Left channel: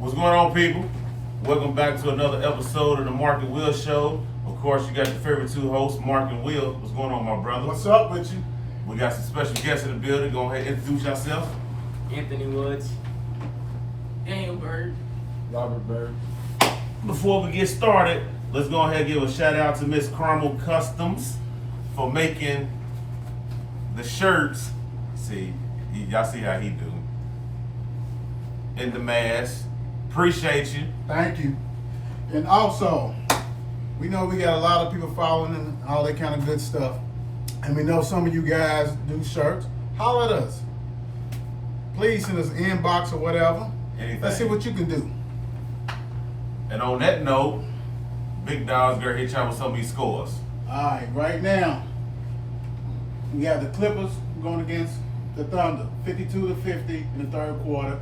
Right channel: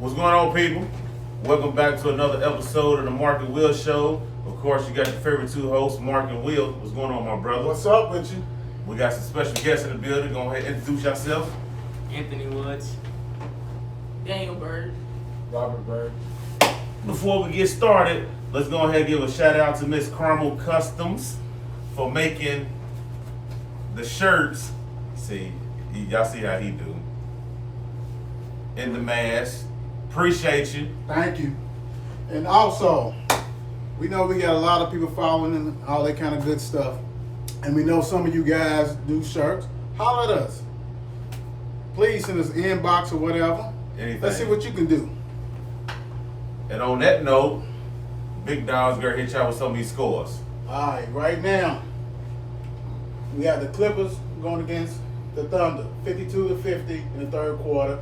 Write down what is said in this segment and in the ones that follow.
What's going on, people? Welcome back to another episode of the Mark and Will Show. Of course, you got your favorite two hosts, Mark and Will. What's going on, my brother? What's up with you? We got some special guests in the building. Go ahead and introduce yourself. Anthony Woods. Daniel Bird. Robert Bird. Before we get started, let's go ahead and give a shout out to Miss Carmel Customs for making the shirts. See, y'all see how he do. In the mask. Appreciate you. Thank you. And also, we know we got a lot of people following and all that kind of good stuff. And we know some of you guys do shirts. Holler at us. Please send us an inbox or whatever. Anything. Let's see what you can do. And on that note, Big Dog's gonna hit y'all with some of these scores. All right, right now, we got the Clippers going against the Thunder, 52-50 in the third quarter.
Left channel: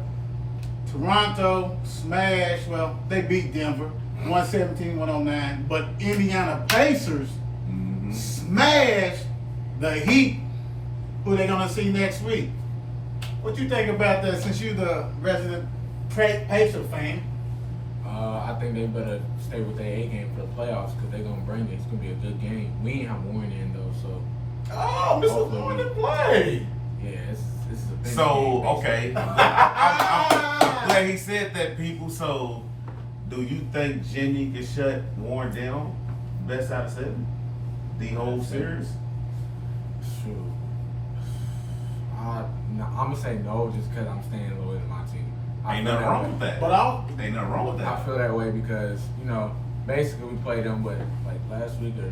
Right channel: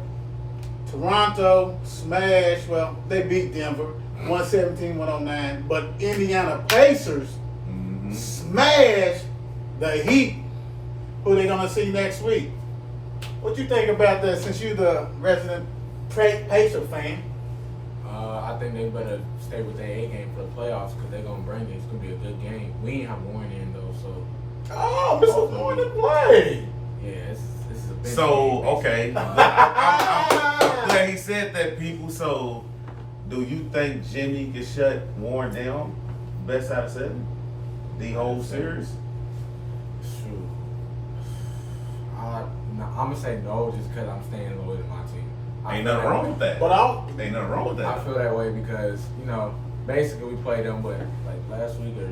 Toronto smashed, well, they beat Denver, 117-109. But Indiana Pacers smashed the Heat, who they're going to see next week. What you think about that, since you're the resident Pacer fan? I think they better stay with their A game for the playoffs because they're going to bring it. It's going to be a good game. We ain't have Warren in, though, so. Oh, Mr. Warren to play. Yeah, this is a big So, game. okay. I'm glad he said that, people. So, do you think Jimmy can shut Warren down? Best out of 7? The whole series? Shoot. I'm going to say no just because I'm staying loyal to my team. Ain't nothing wrong with that. But Ain't nothing wrong with I that. feel that way because, basically we played them, like last week or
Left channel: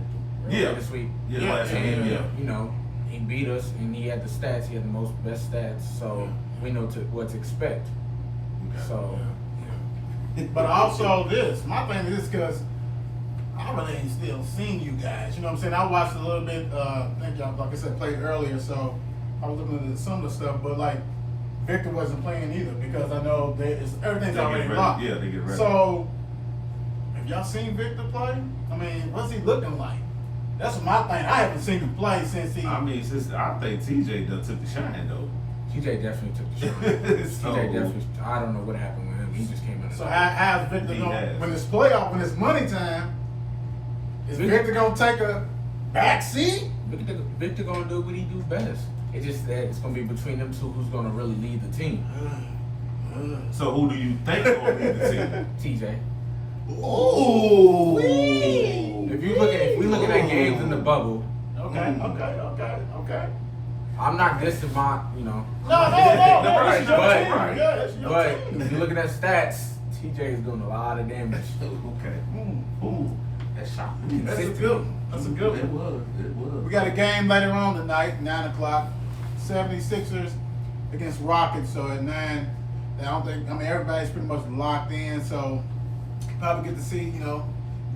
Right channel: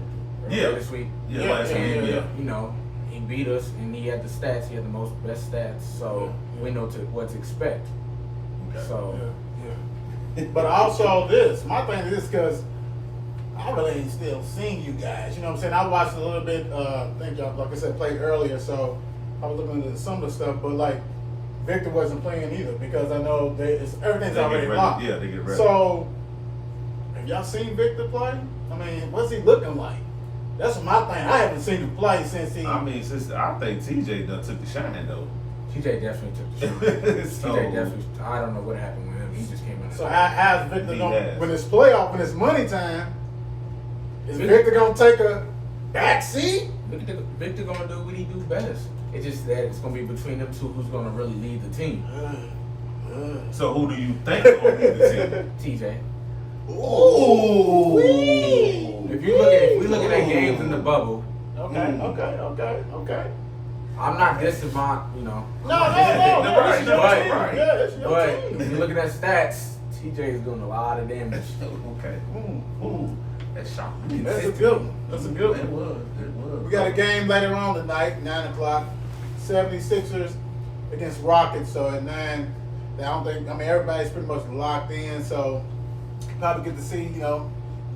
Yeah. this week. Yeah, last game, yeah. He beat us and he had the stats. He had the best stats, so we know what to expect. Okay. So, But also this, my thing is because I really ain't still seen you guys. You know what I'm saying? I watched a little bit, thank y'all, like I said, played earlier, so I was looking into some of the stuff, but like Victor wasn't playing either because I know everything's They already get ready. locked. Yeah, they get ready. So, have y'all seen Victor play? I mean, what's he looking like? That's my thing. I haven't seen him play since he. I mean, I think TJ done took the shine, though. TJ definitely took the shot. So, TJ definitely. I don't know what happened with him. He just came in. So how's Victor He going has. when it's playoff, when it's money time? Is Victor gonna take a back seat? Victor gonna do what he do best. It's just that it's gonna be between them two who's gonna really lead the team. So who do you think gonna lead the team? TJ. Ooh. If we look at their games in the bubble, Okay. I'm not dissing my, No, Right, it's your right, team. right. Yeah, it's your but team. if you looking at stats, TJ is doing a lot of damage. Okay. Ooh. That's shocking. That's a good one. That's a good It one. was. It was. We got a game later on tonight, 9 o'clock. 76ers against Rockets. So at 9, everybody's pretty much locked in. So probably get to see,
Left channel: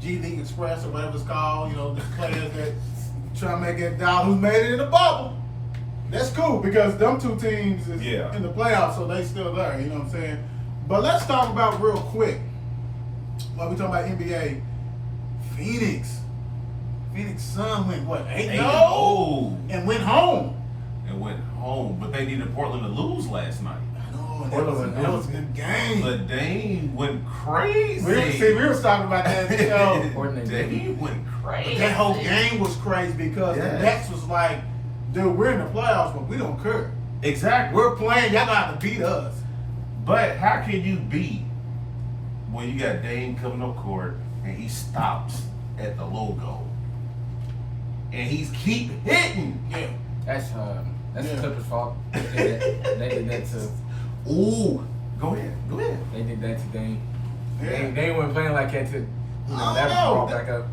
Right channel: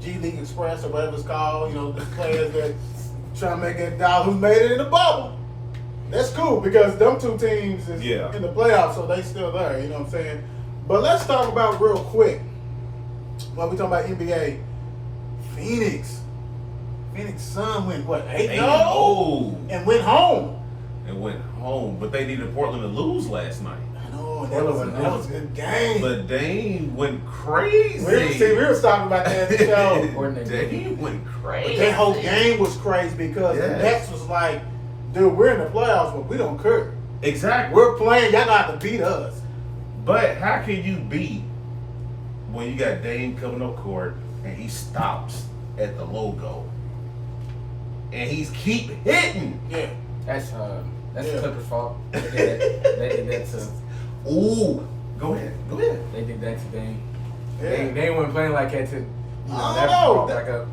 G League Express or whatever it's called, the players that trying to make it down who made it in the bubble. That's cool because them two teams is in the playoffs, so they still there, you know what I'm saying? But let's talk about real quick, while we talking about NBA, Phoenix Sun went, 8-0? And went home. But they needed Portland to lose last night. I know, that was a good game. But Dame went crazy. We were talking about that show. Dame went crazy. That whole game was crazy because the Nets was like, dude, we're in the playoffs, but we don't care. Exactly. We're playing, y'all got to beat us. But how can you beat when you got Dame coming up court and he stops at the logo and he's keep hitting? Yeah. That's the Clippers' fault. They did that to. Ooh, go ahead. They did that to Dame. Yeah. They weren't playing like that to. I Never don't know. brought back up.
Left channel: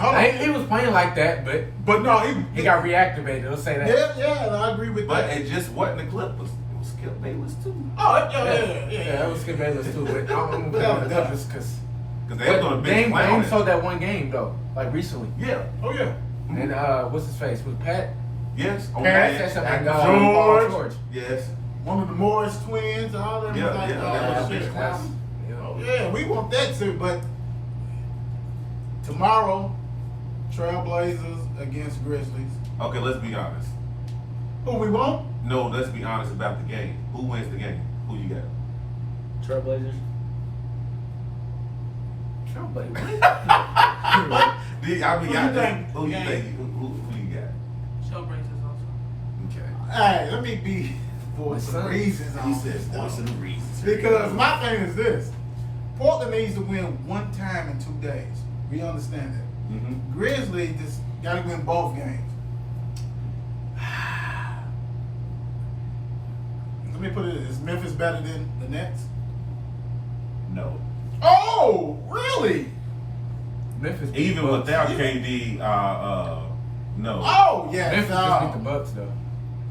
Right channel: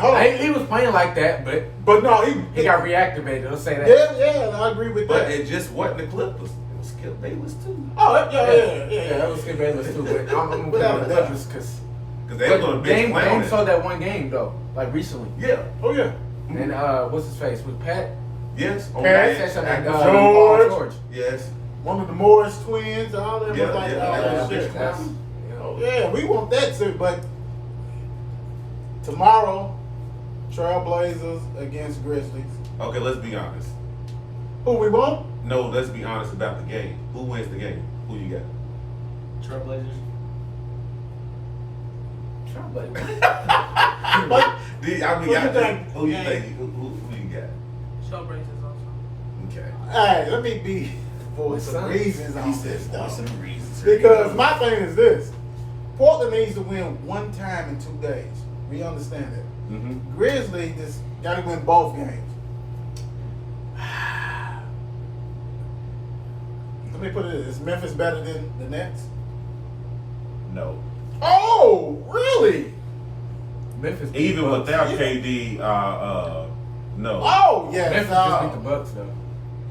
Hold on. He was playing like that, but No, he got reactivated. Let's say that. Yeah, I agree with But that. it just wasn't the Clippers. It was Skip Bayless too. Oh, Yeah, that was Skip Bayless too. But I'm gonna put it on the Clippers because Because they were going to bench Dame Brown. saw that one game though, like recently. Yeah. Oh, yeah. And what's his face? Was Pat? Yes. On Pat, that. Like, George. Yes. One of the Morris twins, all that. Yeah, was like, that was a shit, bitch class. man. Oh, yeah, we want that too, but tomorrow, Trailblazers against Grizzlies. Okay, let's be honest. Who we want? No, let's be honest about the game. Who wins the game? Who you got? Trailblazers. Trailblazers. Who you think? Who you got? Trailblazers also. Okay. Hey, let me be for some reasons. He on says this, though. voice of the reasons. Because my thing is this: Portland needs to win one time in 2 days. We understand that. Mm-hmm. Grizzlies just got to win both games. Let me put it: is Memphis better than the Nets? No. Oh, really? Memphis. beat Even the Bucks. without KD, no. Oh, yeah. Memphis just beat the Bucks though.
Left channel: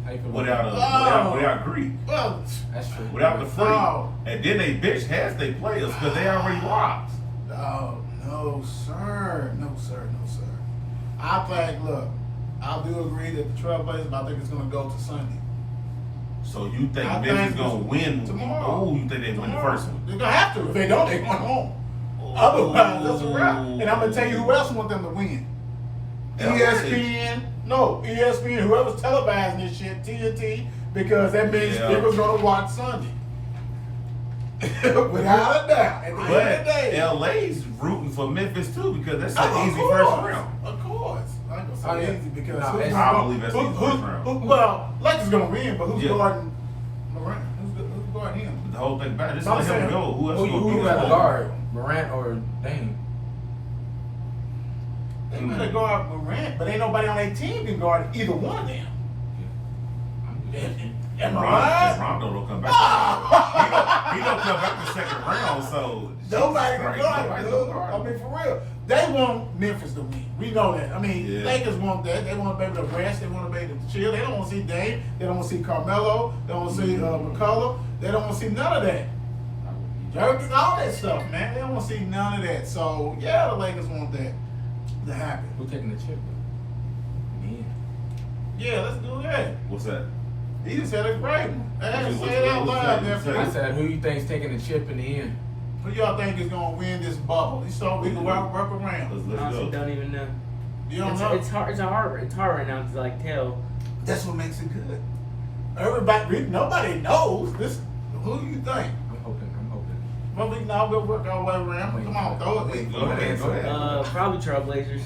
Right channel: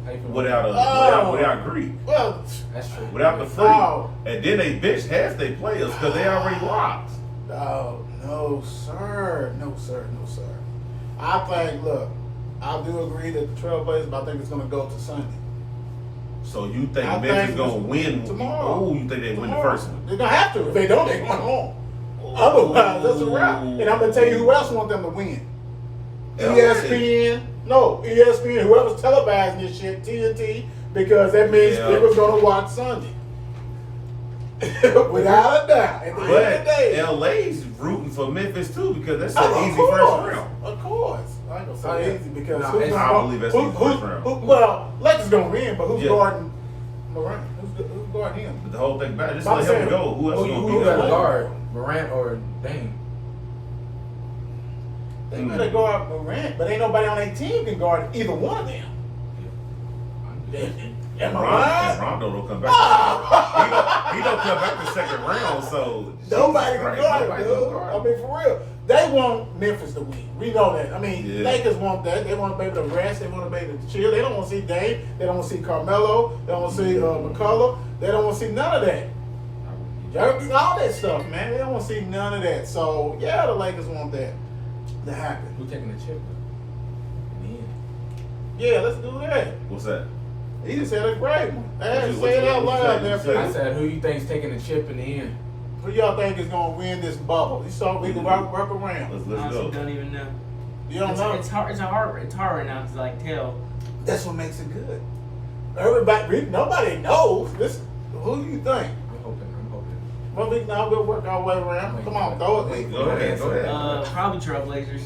How you feel about that? Without Greek. Well, That's true. Without the free. Oh. And then they bitch half they players because they already locked. oh, no, sir. No, sir. No, sir. I think, look, I do agree that the Trailblazers, but I think it's going to go to Sunday. So you think I Memphis think gonna win? tomorrow. Oh, you think they win the Tomorrow. first one? They're going to have to. If they don't, they going home. Otherwise, that's a wrap. And I'm going to tell you who else want them to win. LA. ESPN, whoever's televising this shit, TNT, because that means Yeah. they was going to watch Sunday. Without a doubt. At the end of the But day. LA's rooting for Memphis too because that's Oh, an easy first round. Of course. I ain't gonna say Oh, yeah. easy because No, who's it's- I believe that's easy first round. well, Lakers gonna win, but who's Yeah. guarding Morant? Who's guarding him? But the whole thing about it, just I'm let him saying, go. Who else Who gonna you be got to there? guard? Morant or Dame? They better guard Morant, but ain't nobody on their team can guard either one of them. Am I right? Rondo don't come back. He don't come back the second round, so Nobody Jesus can Christ, guard nobody's it, gonna dude. guard I him. mean, for real. They want Memphis to win. We know that. I mean, Yeah. Lakers want that. They want to be able to rest. They want to be able to chill. They don't want to see Dame. They don't want to see Carmelo. They don't want to see McCullough. They don't want to see none of that. Jerky, all that stuff, man. They don't want to see none of that. So, yeah, the Lakers want that to happen. Who taking the chip? Yeah, let's do that. What's that? He just had a great one. Hey, What say you- it out what you loud say? there, What you say? I people. said, who you think's taking the chip in the end? Who y'all think is going to win this bubble? We can work around. Let's Honestly, go. don't even know. You don't know? It's hard. It's hard right now to like tell. That's what makes it good. Nobody knows. This. Who do you think? I'm hoping. Well, we now we'll work our way around. Come on, throw it. Go ahead. Probably Trailblazers.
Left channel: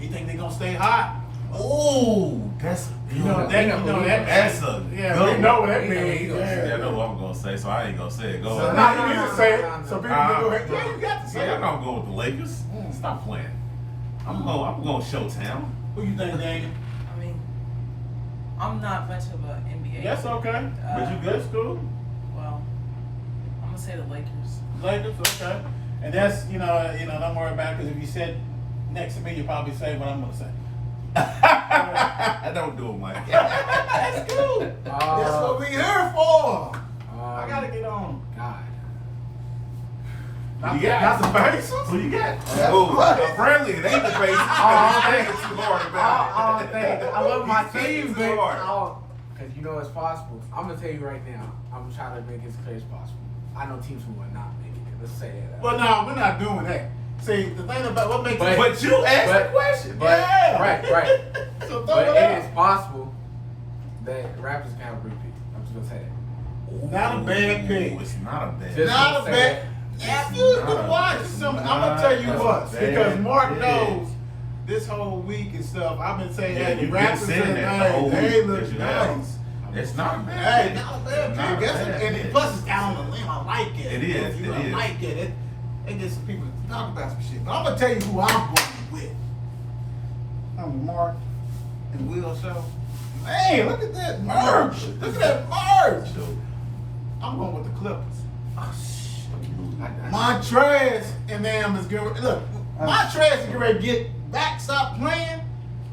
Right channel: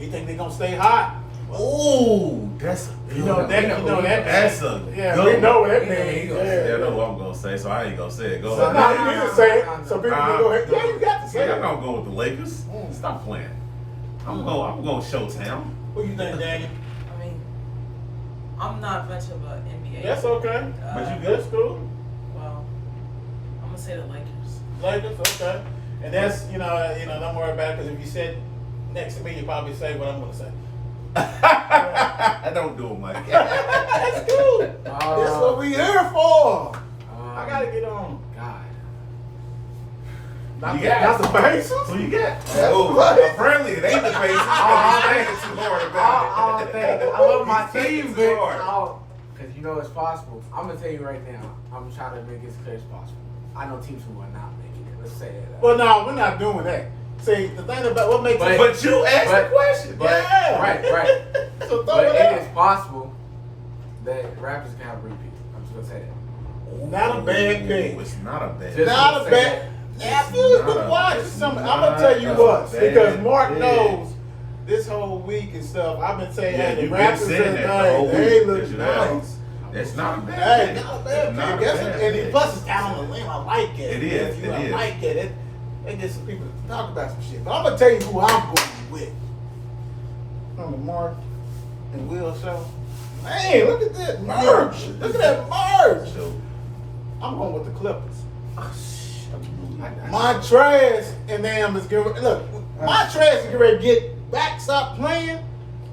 You think they're gonna stay hot? Ooh, that's You know that. That's a Yeah, good we know what one. that means. Yeah, I Yeah. know what I'm gonna say, so I ain't gonna say it. Go So ahead. now you need to say it. So people can go ahead. Yeah, you got to say Yeah, I'm it. gonna go with the Lakers. Stop playing. I'm going Showtown. Who you think, Daniel? I mean, I'm not much of an NBA. That's okay. But you good, school? Well, I'm gonna say the Lakers. Lakers, okay. And that's don't worry about it because if you said next to me, you probably say what I'm gonna say. Don't do it, Mike. That's cool. That's what we here for. I gotta get on. God. Not, You got not the Pacers. Who you got? Yeah. Oh, apparently it ain't the Pacers because he's thinking too hard about it. I love my He's thinking team, too but hard. because you know it's possible. I'm gonna tell you right now. I'm trying to make it as clear as possible. I know teams who are not making it. Let's say that. Well, no, we're not doing that. See, the thing about what makes it. But you asked the question. But, Yeah. Right. So throw But it it is out. possible that Raptors can have a repeat. I'm just gonna say that. Not a bad pick. Ooh, it's not a bad Just- Not a say bad. that. If you It's can not- watch it's something, not I'm gonna tell you a what, bad because Mark pick. knows this whole week and stuff. I've been saying, Yeah, hey, the you've been Raptors saying that the whole they week. look Yes, you have. nice. It's not a bad Hey, pick. not a It's bad not a pick. bad And pick. plus, it's down on the limb. I like it. It is, You know, it is. I like it. It gets some people to talk about some shit. But I'm gonna tell you who I'm going with. I'm the Mark and Will show. Man, look at that merch. Look at that merch. So, I'm going with the Clippers. oh, shit. Montrez and them is good. Look, Montrez is getting ready to get back, stop playing.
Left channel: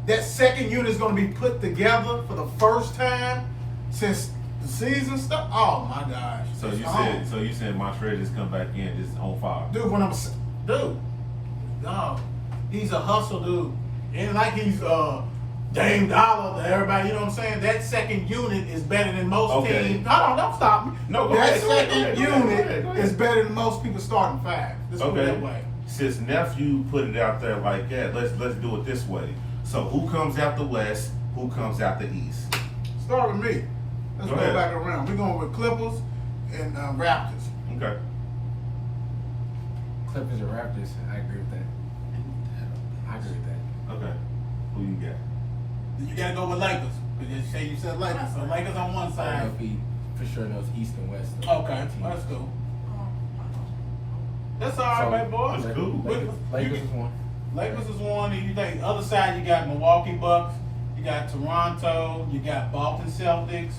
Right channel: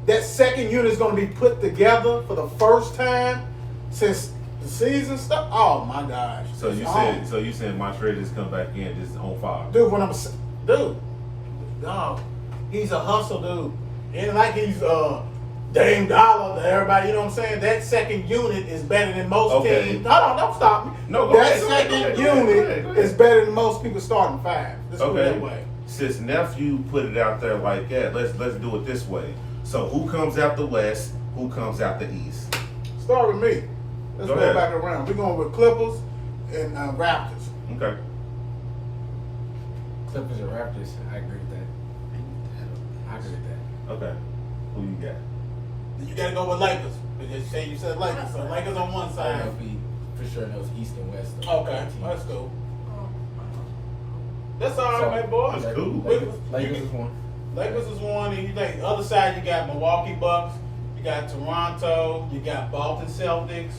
That second unit is going to be put together for the first time since the season started. Oh my gosh! So you Oh. said Montrez just come back in just on fire. Dude, no, he's a hustle dude. Ain't like he's Dame Dollar to everybody. You know what I'm saying? That second unit is better than most Okay. teams. No, don't stop me. No, go that ahead, go ahead, second go ahead, go ahead, unit go ahead. is better than most people starting five. Let's put it Okay. that way. Since nephew put it out there like that, let's do it this way. So who comes out the west? Who comes out the east? Start with me. Let's Go go ahead. back around. We're going with Clippers and Raptors. Okay. Clippers or Raptors. I agree with that. I agree with that. Okay. Who you got? You gotta go with Lakers. Because you said Lakers. So Lakers on one I side. don't know if he for sure knows East and West. Okay, that's cool. That's all right, man, boy. That's cool. Lakers is one. Lakers is one, and you think the other side you got Milwaukee Bucks, you got Toronto, you got Boston Celtics,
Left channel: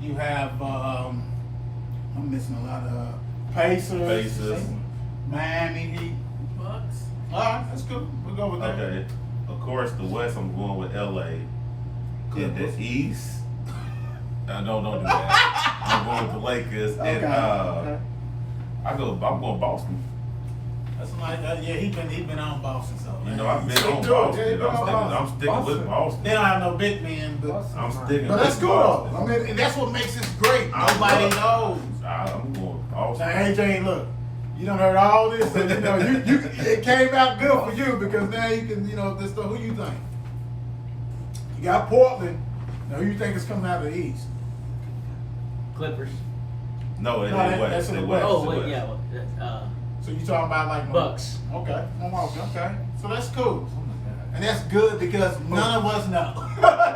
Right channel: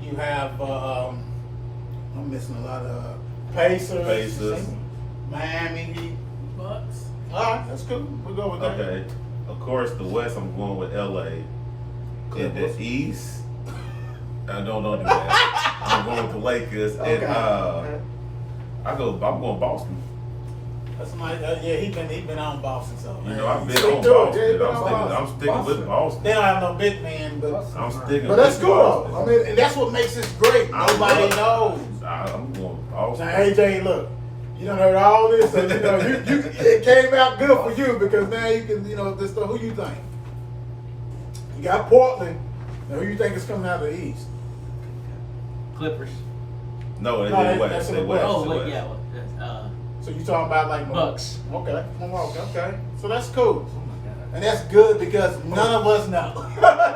you have I'm missing a lot of Pacers, Miami Heat. Bucks. All right, that's cool. We'll go with that. Okay. Of course, the West, I'm going with LA. In Clippers. the East, I don't do that. I'm going with the Lakers. And Okay. I'm going Boston. That's nice. Yeah, he been on Boston, so You know, I've been Stick on to it. Boston. Yeah, he been on I'm sticking with Boston. They don't have no big man, but I'm sticking but with that's cool Boston. though. I mean, and that's what makes this great. Nobody knows. I'm going Boston. Now, AJ, look, you done heard all this, so you know you it came out good for you because now you can this stuff. Who you think? You got Portland. Now, who you think is coming out of the East? Clippers. No, No, they that's West. in They the West. Oh they wait, West. yeah. Well, So you talking about like Bucks. Okay, okay. So that's cool, Oh my God. and that's good because none of us know.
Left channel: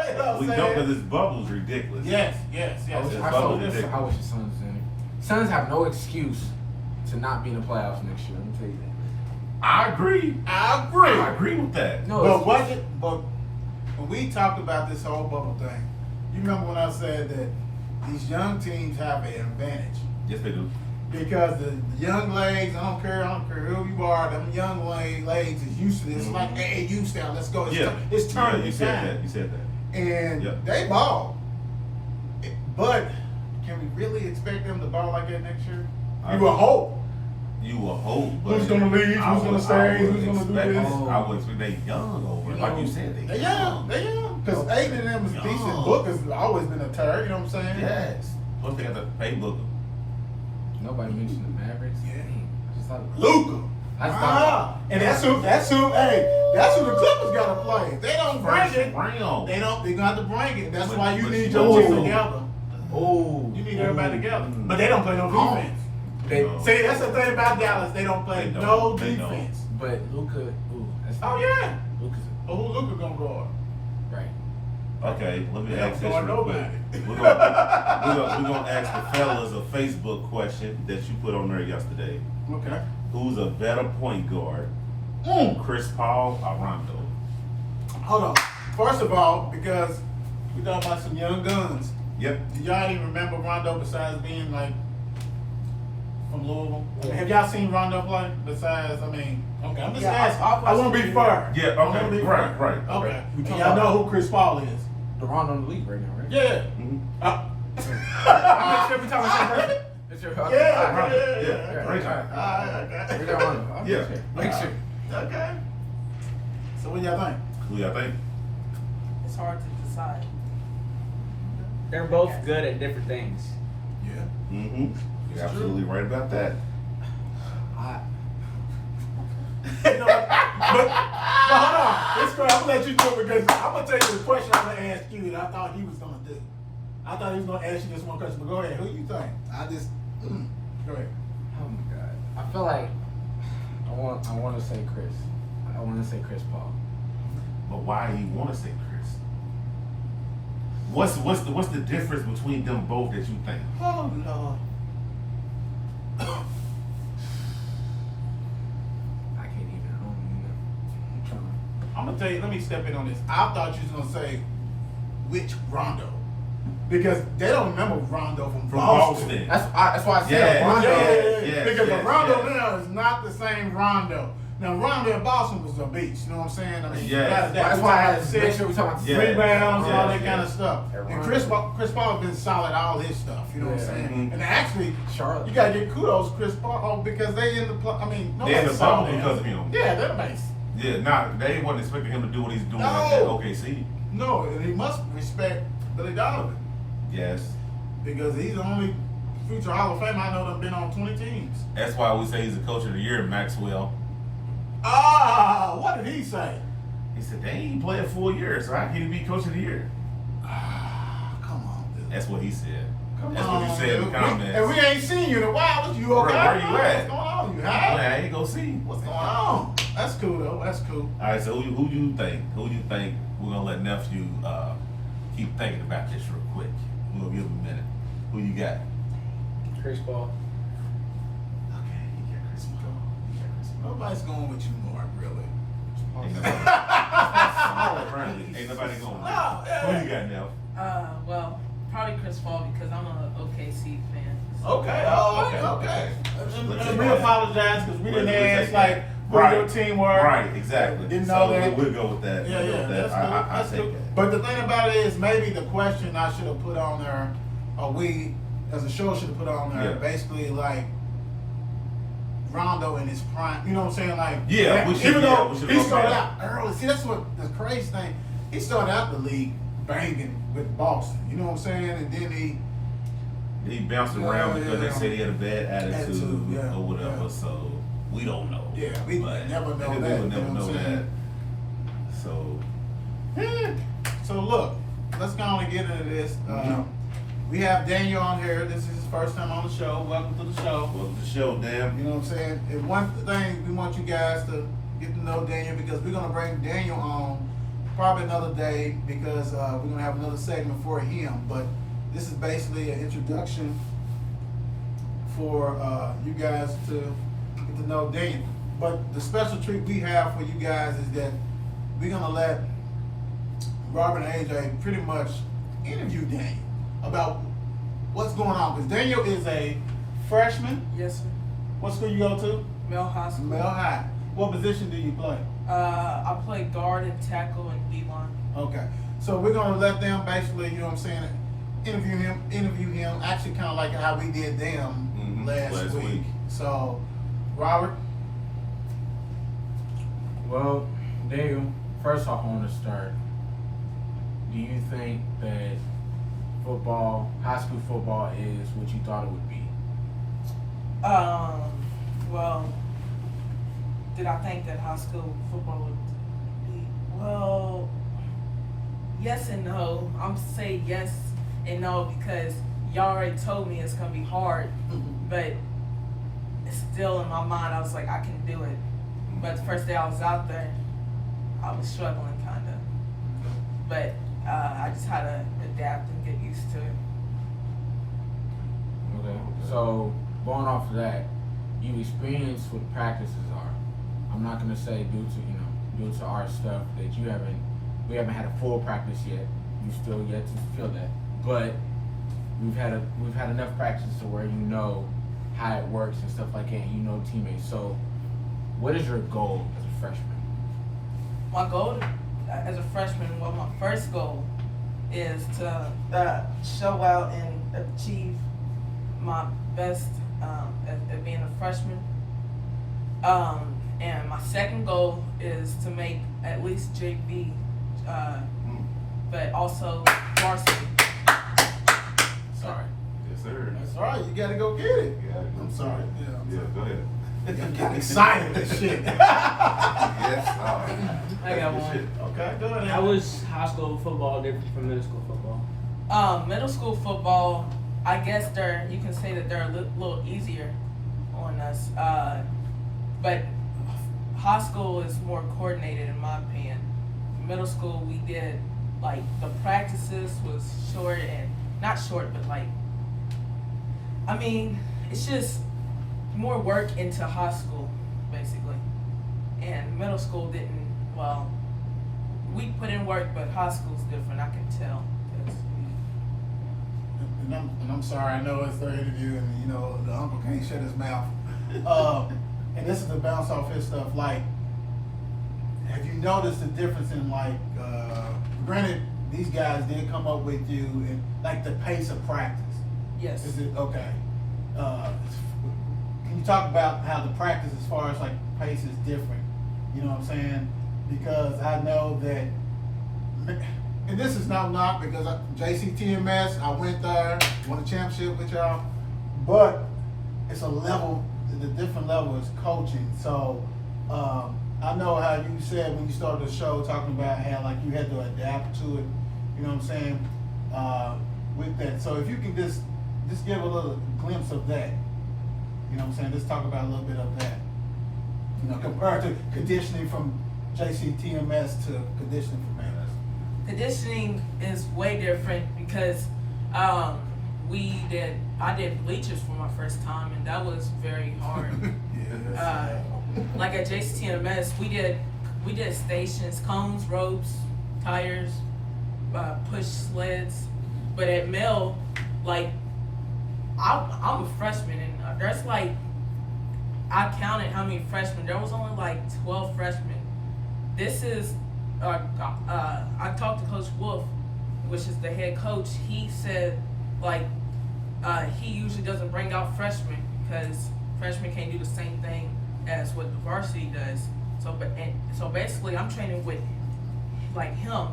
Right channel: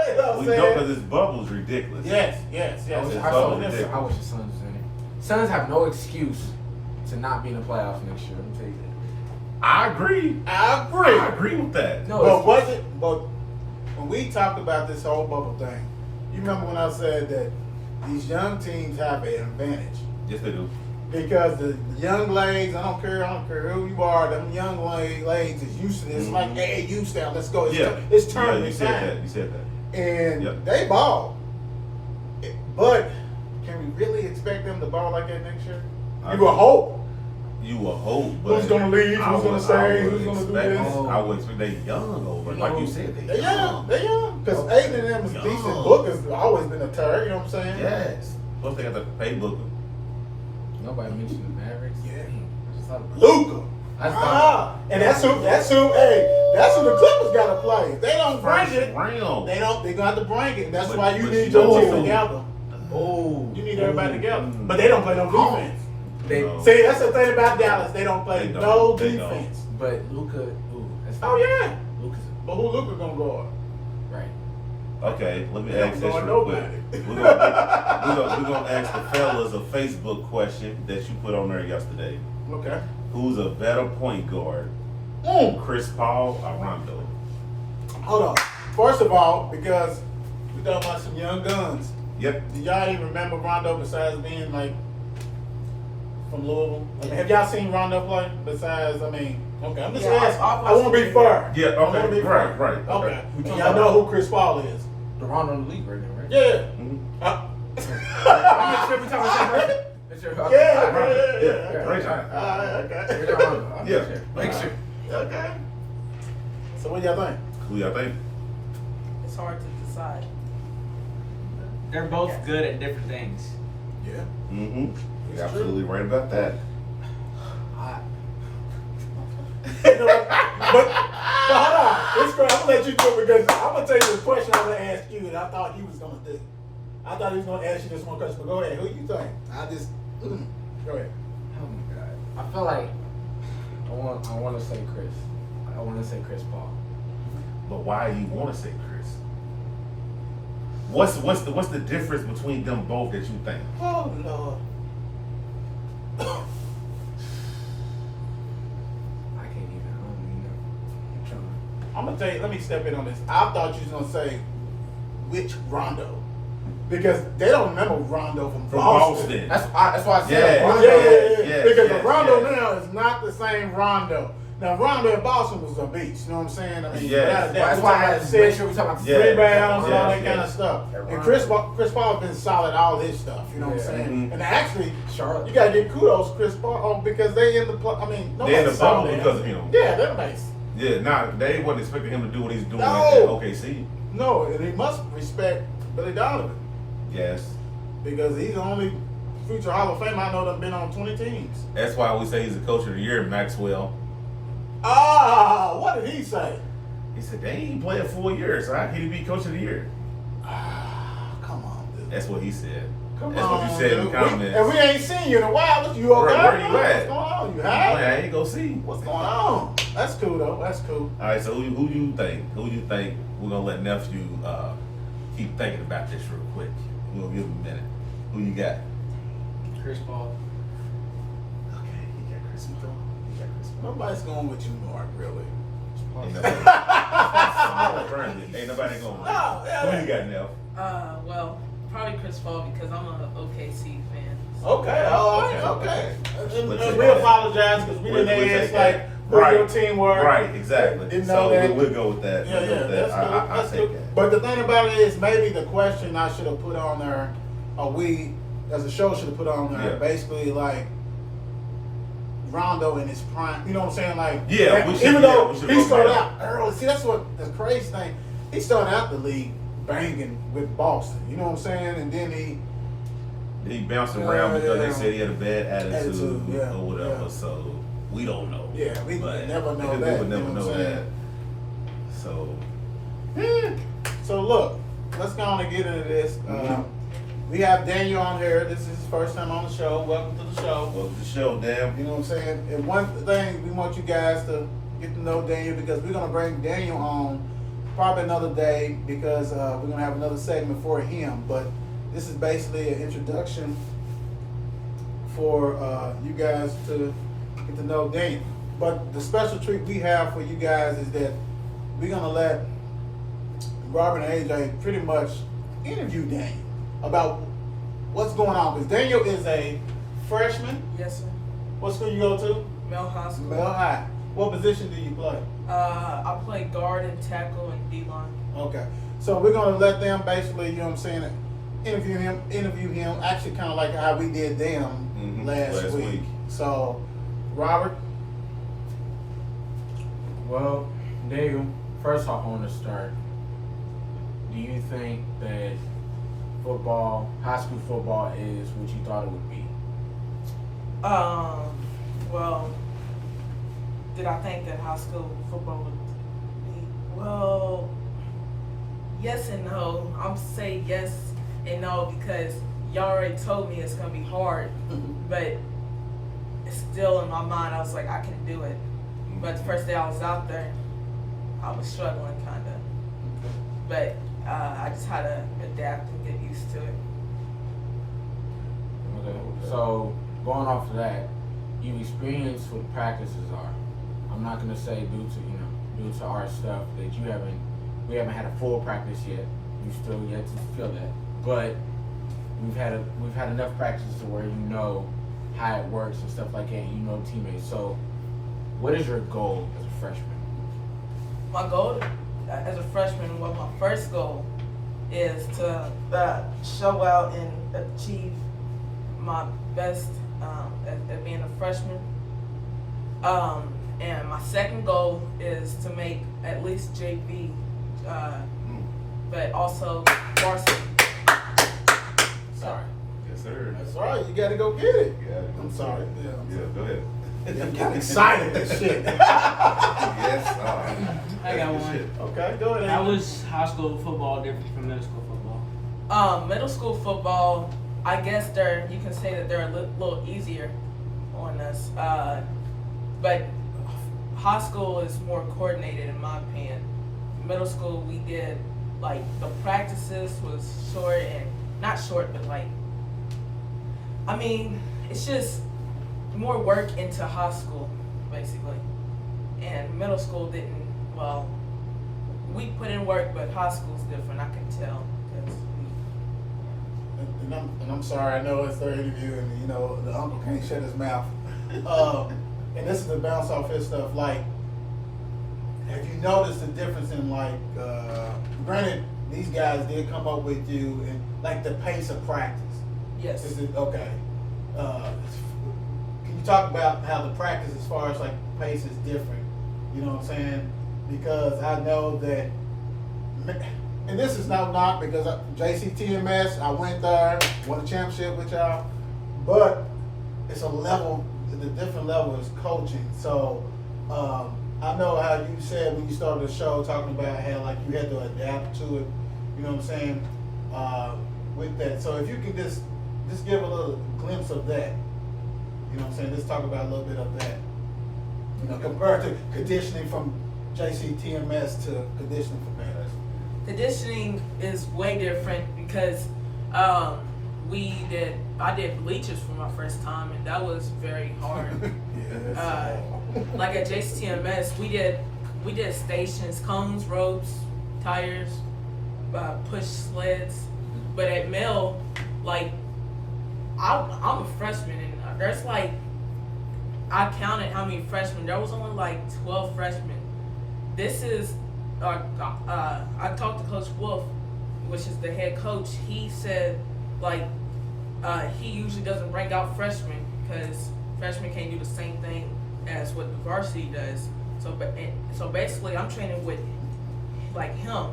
You know what We I'm know saying? because this bubble's ridiculous. Yes. I wish It's the so Suns ridiculous. was in it. Suns have no excuse to not be in the playoffs next year. Let me tell you that. I agree. I agree with that. No, But it's- was it? But when we talked about this whole bubble thing, you remember when I said that these young teams have an advantage Yes, they do. because the young legs. I don't care who you are. Them young legs is used to this. It's like AAU style. Let's go. It's, Yeah. it's Yeah, tournament you said time. that. You said that. And Yeah. they ball. But can we really expect them to ball like that next year? You will hope. You will hope, but Who's gonna leave? I Who's gonna would- stay? I would Who's gonna do expect- this? I would expect they young over. Like you said, They young. Because Aiden and them is decent. Young. Booker's always been a turd. You know what I'm saying? Yes. Plus they got the pay Booker. Nobody mentioned the Mavericks. Yeah. Dang, I just thought about Luka. And that's who the Clippers gotta play. If they don't bring First it, round. they're gonna have to bring it. That's But- why you but need you your know team who? together. Oh, You need everybody together. But they don't play no defense. No. See, that's the thing about Dallas. They don't play They don't. no They don't. defense. But Luka, that's Oh yeah. Luka's But who Luka gonna guard? right. Okay, let me They ask don't this guard real quick. nobody. We're gonna ask the fellas a Facebook question that you put on there yesterday. Okay. Who's a better point guard, Chris Paul or Rondo? Hold on. First of all, because we talking about some young guns. Yep. Do y'all even remember Rondo besides being like from Louisville? I mean, have y'all seen Rondo play besides? Okay, I'm just Yeah, asking. I've I want to be fair. Yeah, I wanna okay, be right, fair. right, Okay. okay. And y'all know who Chris Paul is? The Rondo in the league right now, right? Yeah. Mhm. I'm not sure if we're talking about the same person. That's your- okay. Yeah, great time. Okay. We're not Rondo. I'm Yeah. not sure. Make sure. Okay. So what y'all think? Who y'all think? It's hard to decide. they're both good at different things. Yeah. Mm-hmm. You're absolutely right about that. You know what? But hold on. This girl, I'm gonna let you do it because I'm gonna tell you the question I'm gonna ask you that I thought he was gonna do. I thought he was gonna ask you this one question, but go ahead. Who you think? Go ahead. Oh my God. I feel like I want to say Chris. I want to say Chris Paul. But why do you want to say Chris? What's the difference between them both that you think? Oh Lord. I can't even. I don't even know. I'm trying to. I'm gonna tell you. Let me step in on this. I thought you was gonna say which Rondo, because they don't remember Rondo from Boston. That's why I said Yeah, Rondo. yeah. Because yes, the Rondo yes. now is not the same Rondo. Now Rondo in Boston was a beast. You know what I'm saying? I mean, Yes. That's why I had to make sure we talking about the Yeah. rebounds and all that Yes, kind yes. of stuff. That And Rondo. Chris Paul has been solid all his stuff. You know what I'm Yeah. saying? Mhm. And actually, Charlotte. you gotta give kudos to Chris Paul because they in the They in the nobody saw bubble them. because of him. Yeah, they're nice. Yeah, they wasn't expecting him to do what he's doing No. at OKC. No, and he must respect Billy Donovan Yes. because he's the only future Hall of Fame I know that's been on 20 teams. That's why we say he's the coach of the year, Maxwell. What did he say? He said, they ain't played a full year, so how can he be coach of the year? Come on, dude. That's what he said. Come That's on, what you said in the dude. comments. And we ain't seen you in a while. You okay? Where you What's at? going on? You Well, have? I ain't gonna see. What's going on? That's cool though. That's cool. All right, so who do you think? Who do you think we're gonna let nephew keep thinking about this real quick? We'll give him a minute. Who you got? Chris Paul. Okay, you got Chris Paul. You got Chris Paul. Nobody's going with you, Mark. Really? Ain't nobody. Ain't nobody going. No, yeah. Who you got, Neff? Well, probably Chris Paul because I'm a OKC fan. Okay. Oh, Okay. okay. Let's And take we that. apologize because we didn't We'll ask take like that. who Right. your team were. Right, exactly. Didn't So know that. we'll go with that. Yeah, We'll go yeah, with that's that. cool. I That's take cool. that. But the thing about it is, maybe the question I should have put on there, or we as a show should have put on there, Yeah. basically like Rondo in his prime. You know what I'm saying? Like, Yeah, we should- even yeah, though we should he look started at out early. See, that's what the crazy thing. He started out the league banging with Boston. You know what I'm saying? And then he. He bounced around Yeah, because yeah. they said he had a bad attitude, Yeah, or whatever. yeah. So we don't know. Yeah, we But never know we that, would you never know know what I'm that. saying? So So look, let's go on and get into this. Mhm. We have Daniel on here. This is his first time on the show. Welcome to the show. well, the show, damn. You know what I'm saying? And one thing we want you guys to get to know Daniel because we're gonna bring Daniel on probably another day because we're gonna have another segment for him. But this is basically an introduction for you guys to get to know Daniel. But the special treat we have for you guys is that we're gonna let Robert and AJ pretty much interview Daniel about what's going on. Because Daniel is a freshman. Yes, sir. What school you go to? Mel High School. Mel High. What position do you play? I play guard and tackle and D-line. Okay. So we're gonna let them basically, you know what I'm saying, interview him, actually kinda like how we did them Mhm, last week. week. So Robert, Well, Daniel, first off, I want to start. Do you think that football, high school football, is what you thought it would be? Well, did I think that high school football would be? Well, yes and no. I'm say yes and no because y'all already told me it's gonna be hard, but it's still in my mind. I was like, I can do it. But the first day I was out there, I was struggling kind of. But I just had to adapt and get used to it. Okay. So going off of that, you experienced what practices are. I'm not gonna say due to our stuff that we haven't had a full practice yet. You still yet to feel that, but we've had enough practice to where you know how it works and stuff like that. And you know teammates. So, what is your goal as a freshman? My goal as a freshman, well, my first goal is to show out and achieve my best at being a freshman. And my second goal is to make at least JV, but also varsity. sorry. Yes, sir. That's all right. You gotta go get it. Yeah, I'm sorry. Yeah. Yeah, go ahead. I'm getting excited and shit. Yes, all right. I got That's one. good shit. Okay, go ahead. How was high school football different from middle school football? Middle school football, I guess you can say that they're a little easier on us. But high school is more coordinated in my opinion. Middle school we did like the practices was short and not short but like I mean it's just more work into high school basically. And middle school didn't we put in work but high school's different, I can tell. And I'm sorry, I know it's their interview and you know the uncle can't shut his mouth. And this is to bounce off his stuff. Like, have you noticed the difference in like, granted, these guys did come up with you and like the pace of practice. Yes. Is it okay? Can you talk about how the practice, as far as like pace, is different? You know what I'm saying? Because I know that, and this is no knock because JCTMS, I went there, won a championship with y'all, but it's a level, the different level is coaching. So I know how you said when you started the show talking about how like you had to adapt to it. You know what I'm saying? With that, so if you can just give a little glimpse of that. You You know what I'm saying? Let's talk about a little bit of that. You know, compared to conditioning from JCTMS to conditioning from there. Conditioning is way different because I did bleachers for my first time, and that was very hard. Like at JCTMS, we did stations, cones, ropes, tires, push sleds. But at Mel, like I'm a freshman, and there's like, I counted how many freshmen. There was only like 12 freshmen. This is I talked to Coach Wolf, which is the head coach. He said like he usually doesn't bring out freshmen because freshmen can't do the same thing as what the varsity does. So basically, I'm training with like him.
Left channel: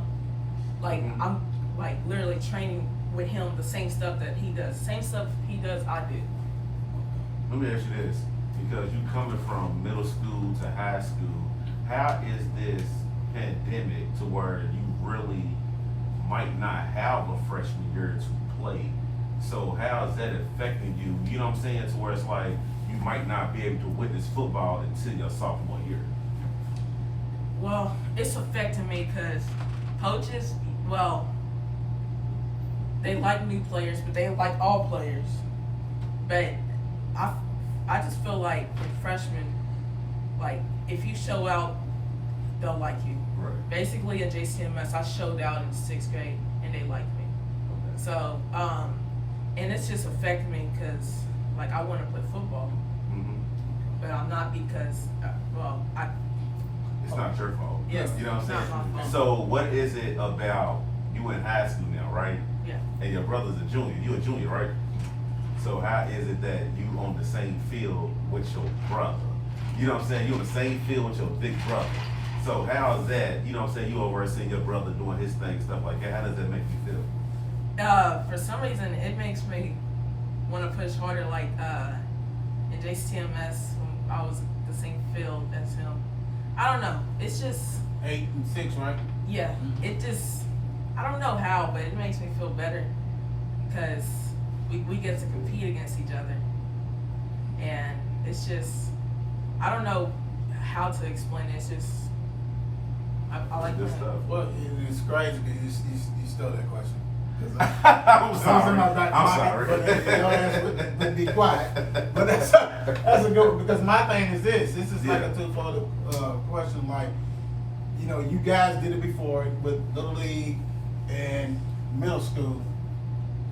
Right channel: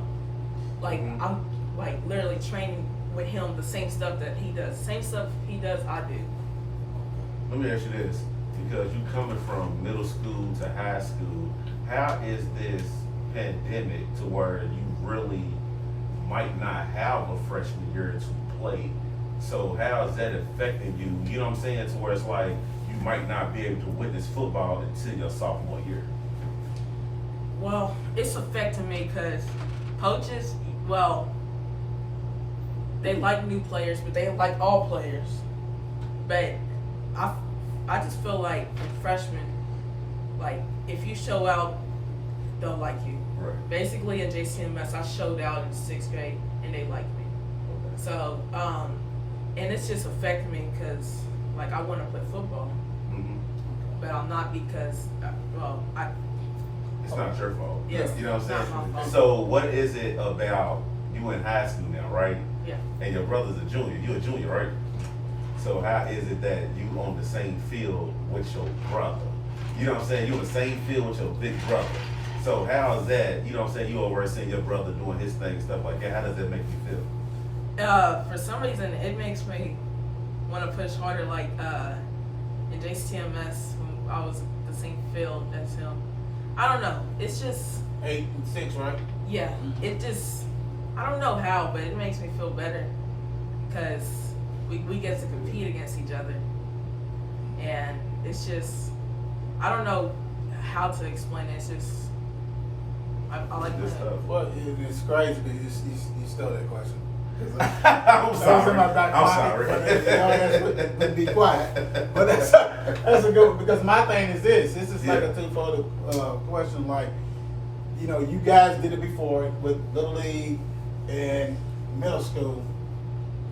Like I'm like literally training with him the same stuff that he does. Same stuff he does, I do. Let me ask you this, because you coming from middle school to high school, how is this pandemic to where you really might not have a freshman year to play? So how is that affecting you? You know what I'm saying? To where it's like you might not be able to witness football until your sophomore year. Well, it's affecting me because coaches, well, they like new players, but they like all players. But I just feel like freshmen, like if you show out, they'll like you. Right. Basically at JCMS, I showed out in 6th grade and they liked me. Okay. So, and it's just affecting me because like I want to play football, but I'm not because, It's not your fault. Yes, You know what I'm not saying? my fault. So what is it about you in high school now, right? Yeah. And your brother's a junior. You're a junior, right? So how is it that you on the same field with your brother? You know what I'm saying? You on the same field with your big brother. So how is that, you know what I'm saying, you over there seeing your brother doing his thing, stuff like that. How does that make you feel? For some reason, it makes me want to push harder. Like in JCTMS, I was the same field as him. I don't know. It's just 8 and 6, right? yeah. It just I don't know how, but it makes me feel better because we get to compete against each other, and it's just I don't know how to explain it. It's just I like Good playing. stuff. Well, it's crazy because you stole that question. I'm sorry. I'm sorry. But be quiet. But that's a good one, because my thing is this. This is like Yeah. a twofold question. Like, you know, you guys did it before with Little League and middle school,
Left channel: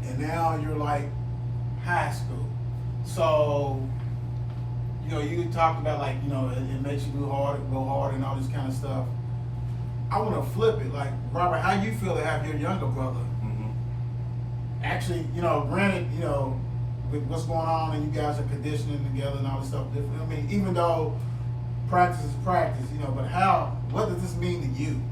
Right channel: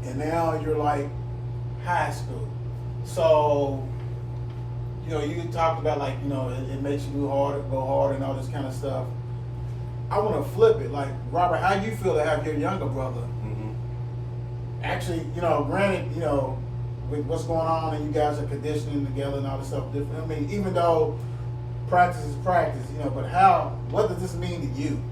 and now you're like high school. So, you know, you talked about like, you know, it makes you go harder and all this kind of stuff. I want to flip it. Like, Robert, how you feel to have your younger brother? Actually, you know, granted, you know, with what's going on and you guys are conditioning together and all this stuff different. I mean, even though practice is practice, you know, but what does this mean to you?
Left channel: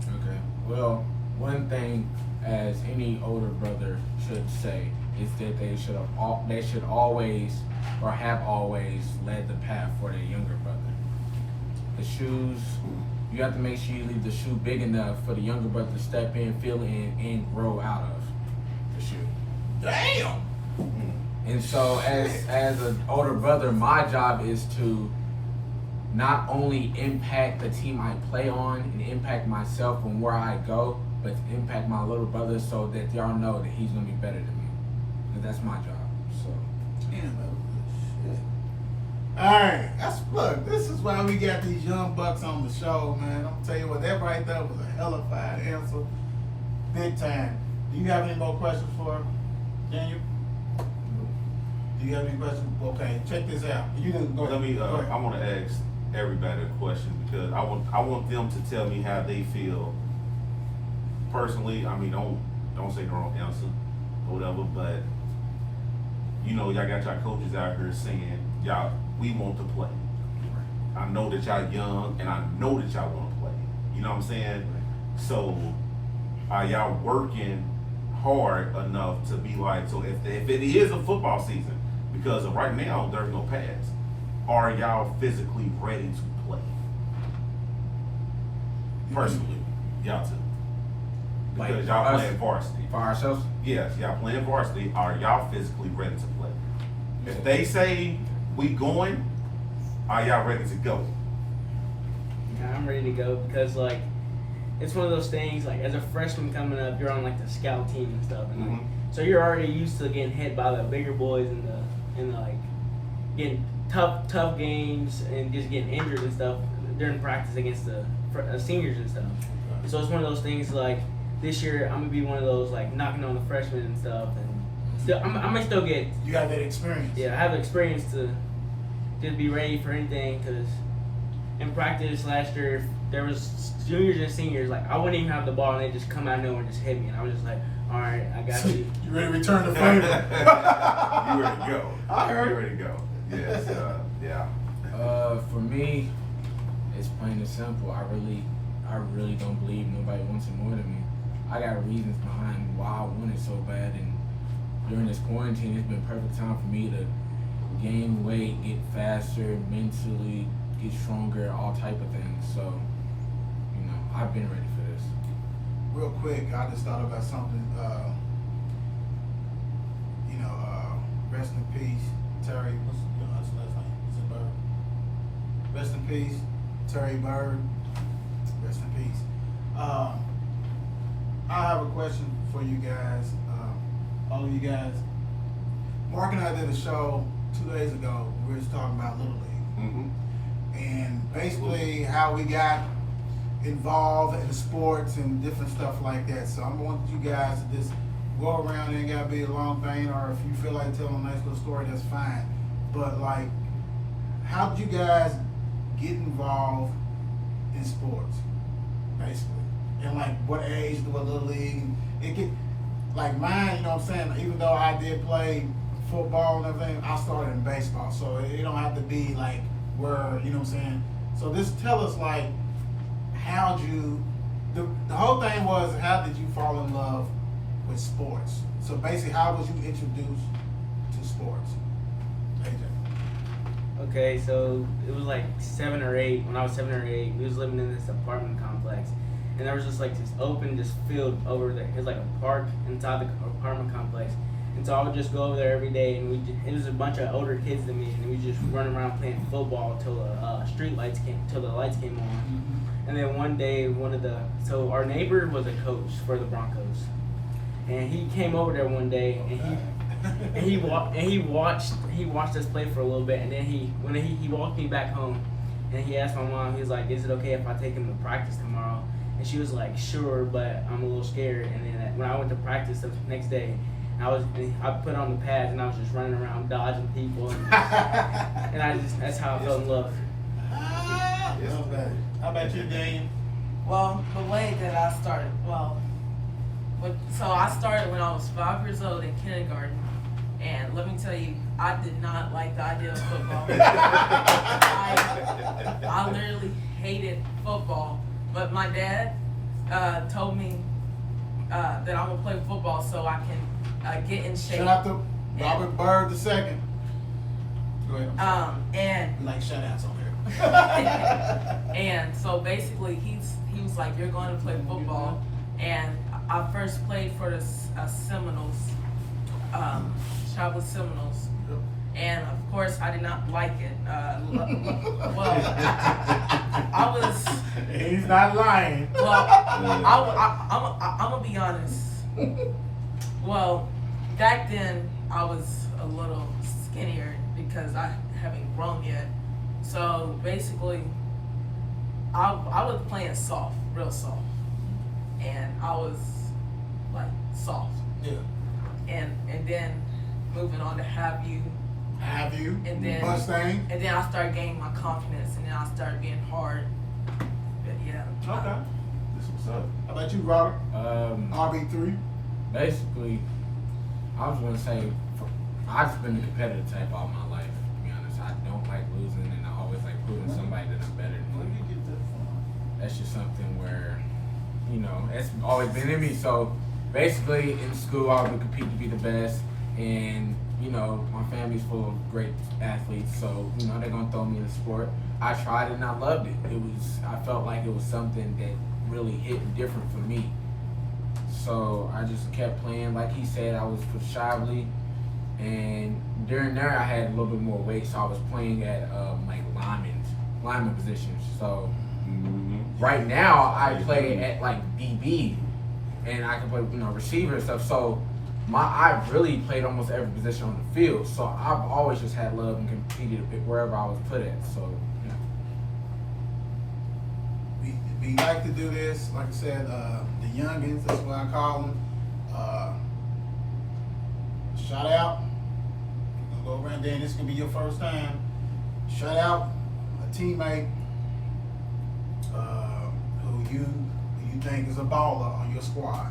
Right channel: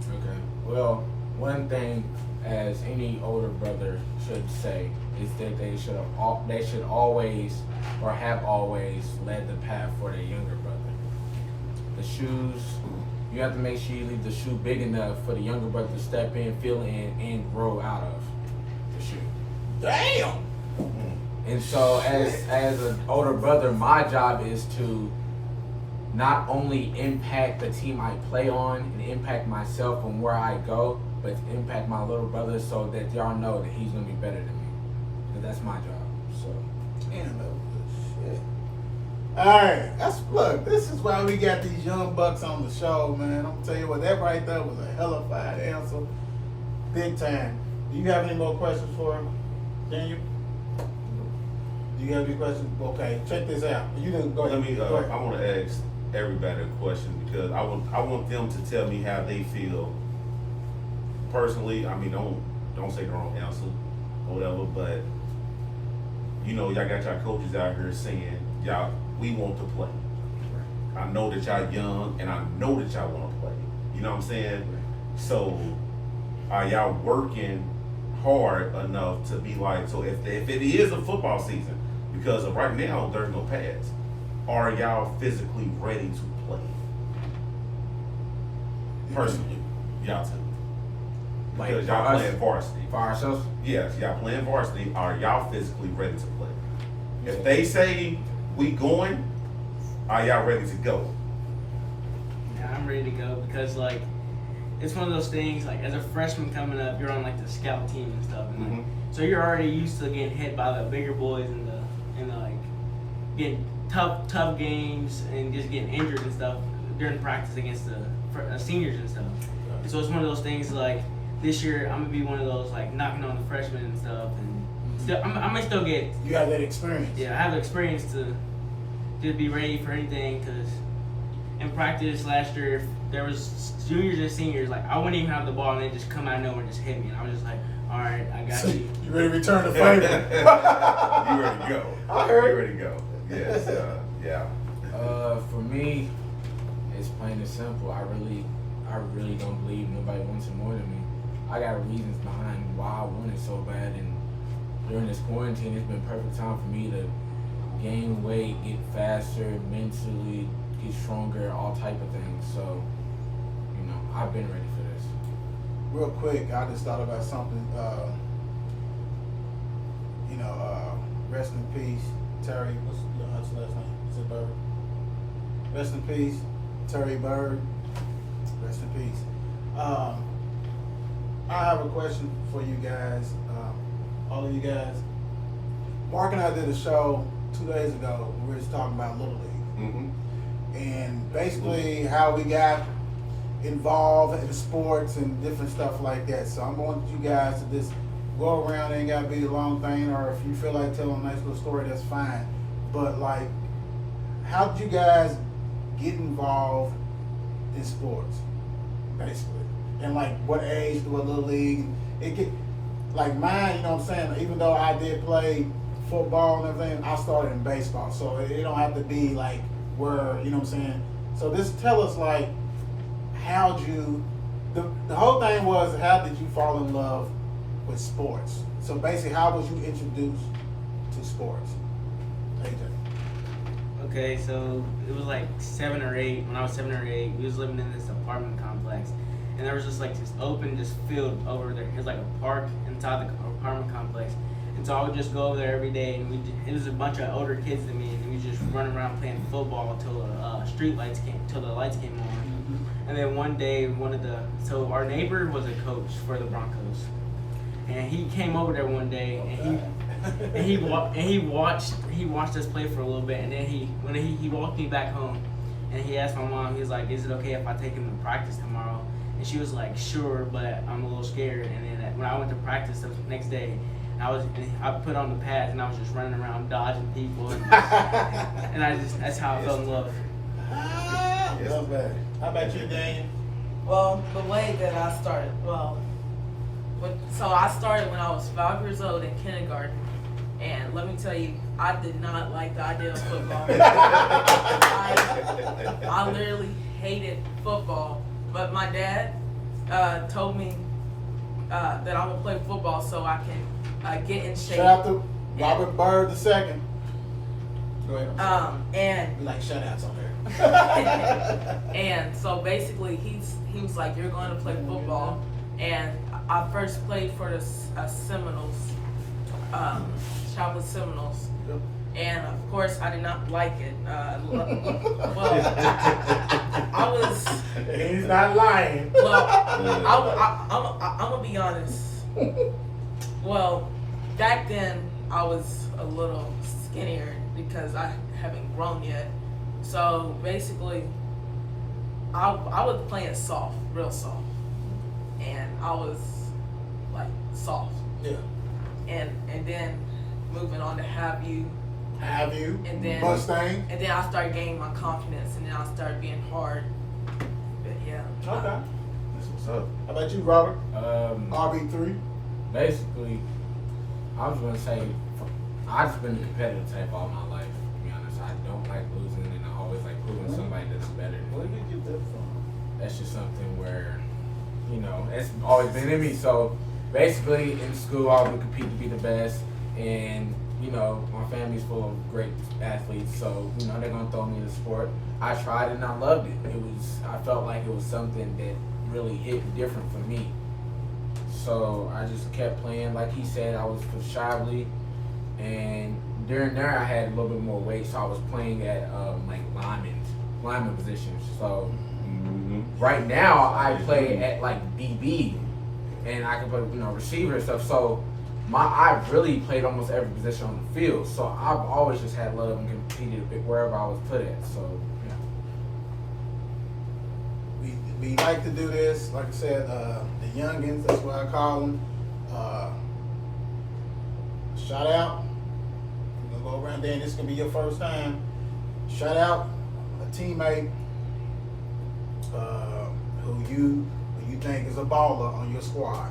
Okay. Well, one thing as any older brother should say is that they should always or have always led the path for their younger brother. The shoes, you have to make sure you leave the shoe big enough for the younger brother to step in, feel in, and grow out of the shoe. Damn! And so as an older brother, my job is to not only impact the team I play on and impact myself and where I go, but to impact my little brother so that y'all know that he's gonna be better than me. And that's my job. So Damn, that was good shit. Alright, look, this is why we got these young bucks on the show, man. I'm gonna tell you what, that right there was a hella fine answer. Big time. Do you have any more questions for Daniel? Do you have any questions? Okay, check this out. You didn't go ahead. Let me. Go ahead. I want to ask everybody a question because I want them to tell me how they feel. Personally, I mean, don't say the wrong answer or whatever, but you know, y'all got y'all coaches out here saying, y'all, we want to play. I know that y'all young, and I know that y'all want to play. You know what I'm saying? So, are y'all working hard enough to be like, so if it is a football season, because of right now there's no pads, are y'all physically ready to play? Personally, y'all two. Because Like, y'all for us- playing varsity. for ourselves, Yes, y'all playing varsity. Are y'all physically ready to play? If they say we going, are y'all ready to go? Yeah, I'm ready to go because like it's one of those things. Like as a freshman coming up, you're on like the scout team and stuff, and like, so you're already used to getting hit by the bigger boys and the like getting tough games and just getting injured and stuff during practice against the seniors and stuff. And so it's one of those things like this year I'm gonna be one of those like knocking on the freshmen and stuff, and still I'm gonna still get. You have that experience. Yeah, I have the experience to be ready for anything because in practice last year there was juniors and seniors like I wouldn't even have the ball and they just come out of nowhere and just hit me and I was just like, all right, I got you. You ready to return the favor? You ready to go? I heard. You ready to go? Yes. Yeah. For me, it's plain and simple. I really don't believe nobody wants it more than me. I got reasons behind why I want it so bad, and during this quarantine, it's been perfect time for me to gain weight, get faster, mentally, get stronger, all type of things. So, I've been ready for this. Real quick, I just thought about something. Rest in peace, Terry. What's his last name? Is it Bird? Rest in peace, Terry Bird. Rest in peace. I have a question for you guys, all of you guys. Mark and I did a show 2 days ago. We were just talking about Little League, and basically how we got involved in sports and different stuff like that. So I'm wanting you guys to just go around. It ain't gotta be a long thing, or if you feel like telling a nice little story, that's fine. But like, how did you guys get involved in sports, basically? And like, what age do a Little League? It get like mine. You know what I'm saying? Even though I did play football and everything, I started in baseball, so it don't have to be like where, you know what I'm saying. So just tell us like, how'd you? The whole thing was, how did you fall in love with sports? So basically, how was you introduced to sports? AJ. Okay, so it was like 7 or 8. When I was 7 or 8, we was living in this apartment complex, and there was just like this open, this field over there. It was like a park inside the apartment complex, and so I would just go over there every day, and it was a bunch of older kids than me, and we just run around playing football till the lights came on. And then one day, so our neighbor was a coach for the Broncos, and he came over there one day, and he watched us play for a little bit, and then he walked me back home, and he asked my mom, he was like, "Is it okay if I take him to practice tomorrow?" And she was like, "Sure, but I'm a little scared." And then when I went to practice the next day, I put on the pads and I was just running around dodging people, and that's how I fell in love. Love that. How about you, Dane? Well, the way that I started, so I started when I was 5 years old in kindergarten, and let me tell you, I did not like the idea of football. I literally hated football, but my dad told me that I would play football so I can get in shape. Shout out to Robert Bird II. Go ahead. And we like shout outs on there. and so basically he was like, "You're going to play football," and I first played for the Seminoles, Charlotte Seminoles, and of course I did not like it. Well, I was. He's not lying. Well, I'm gonna be honest. Well, back then I was a little skinnier because I haven't grown yet. So basically, I was playing soft, real soft, and I was like soft. Yeah. And then moving on to Have You, and then Mustang, and then I started gaining my confidence, and then I started being hard. But yeah. Okay. This what's up. How about you, Robert? RB3. Basically, I was gonna say, I've just been a competitive type all my life. To be honest, I don't like losing, and I always like proving somebody that I'm better than. Where did you get that from? That's just something where, it's always been in me. So basically, in school, I would compete to be the best, and my family's full of great athletes, so they're gonna throw me in the sport. I tried and I loved it. I felt like it was something that really hit different for me. So I just kept playing. Like he said, I was for Shively. And during there, I had a little bit more weight, so I was playing at like lineman positions. So right now, I play at like DB, and I can play receiver and stuff. So I've really played almost every position on the field. So I've always just had love and competed wherever I was put at. So we like to do this, like I said, the youngins, that's what I call them. Shout out. I'm gonna go around there, and this is gonna be your first time. Shout out a teammate who you think is a baller on your squad.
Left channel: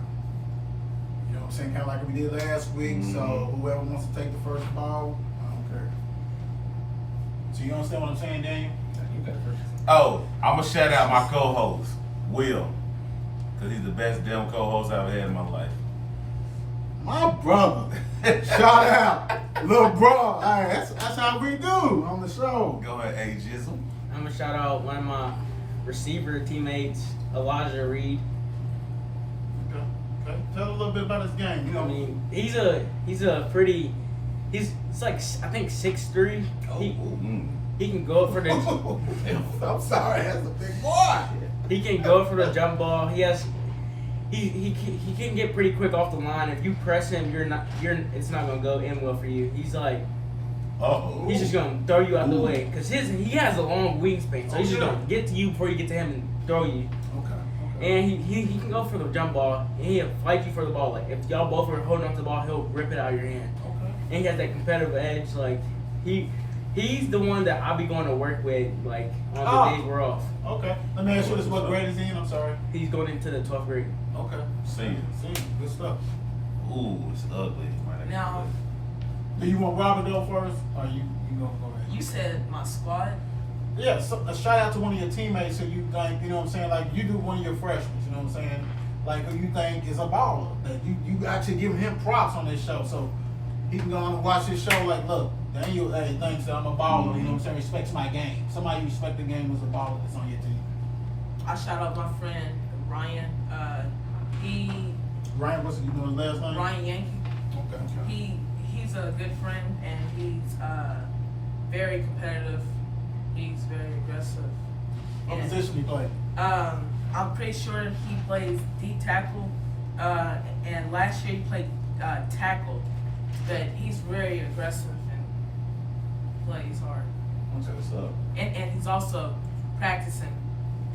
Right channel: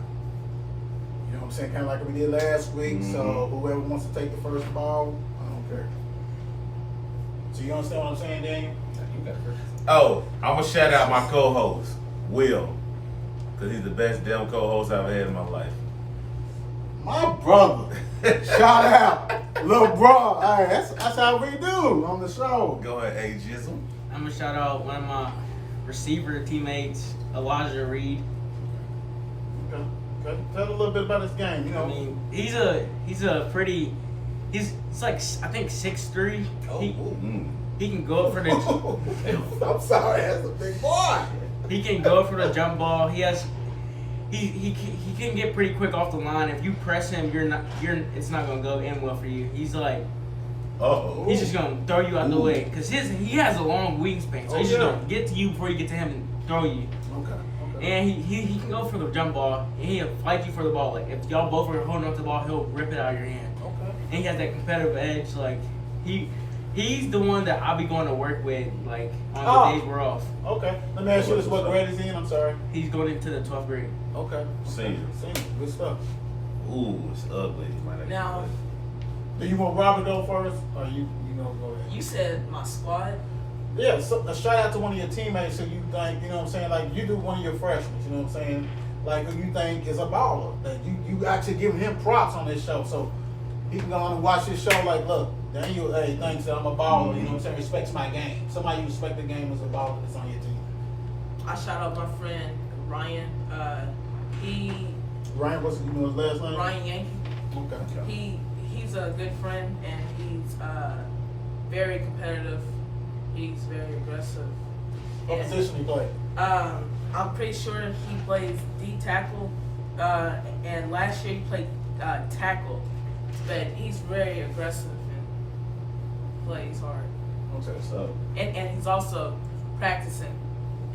You know what I'm saying? Kind of like we did last week. So whoever wants to take the first ball, I don't care. So you understand what I'm saying, Daniel? Oh, I'm gonna shout out my co-host, Will, because he's the best damn co-host I've ever had in my life. My brother. Shout out. Little bro. Hey, that's how we do on the show. Go ahead, ageism. I'm gonna shout out one of my receiver teammates, Elijah Reed. Okay. Tell a little bit about his game. You know, I mean, he's like I think 6'3". He can go for the. I'm sorry, that's a big boy. He can go for the jump ball. He can get pretty quick off the line. If you press him, it's not gonna go in well for you. He's like, he's just gonna throw you out the way because he has a long wingspan, so he's just gonna get to you before you get to him and throw you. Okay. And he can go for the jump ball, and he'll fight you for the ball. Like if y'all both are holding up the ball, he'll rip it out of your hand. Okay. And he has that competitive edge. Like he's the one that I'll be going to work with, like on the days we're off. Okay. Let me ask you this: what grade is he in? I'm sorry. He's going into the 12th grade. Okay. Senior. Good stuff. Ooh, it's ugly. Now, Do you want Robert to go first, or you gonna go ahead? you said my squad. Yeah, so a shout out to one of your teammates who you think, you know what I'm saying, like you do one of your freshmen, you know what I'm saying, like who you think is a baller, that you actually giving him props on this show, so he can go on and watch this show like, look, Daniel thinks that I'm a baller, you know what I'm saying, respects my game. Somebody who respects the game is a baller that's on your team. I shout out my friend Ryan. Ryan, what's his last name? Ryan Yankee. Okay. He's a good friend and he's very competitive. He's very aggressive. What And, position he play? I'm pretty sure he plays D tackle, and last year he played tackle. But he's very aggressive and plays hard. Okay, so. And he's also practicing.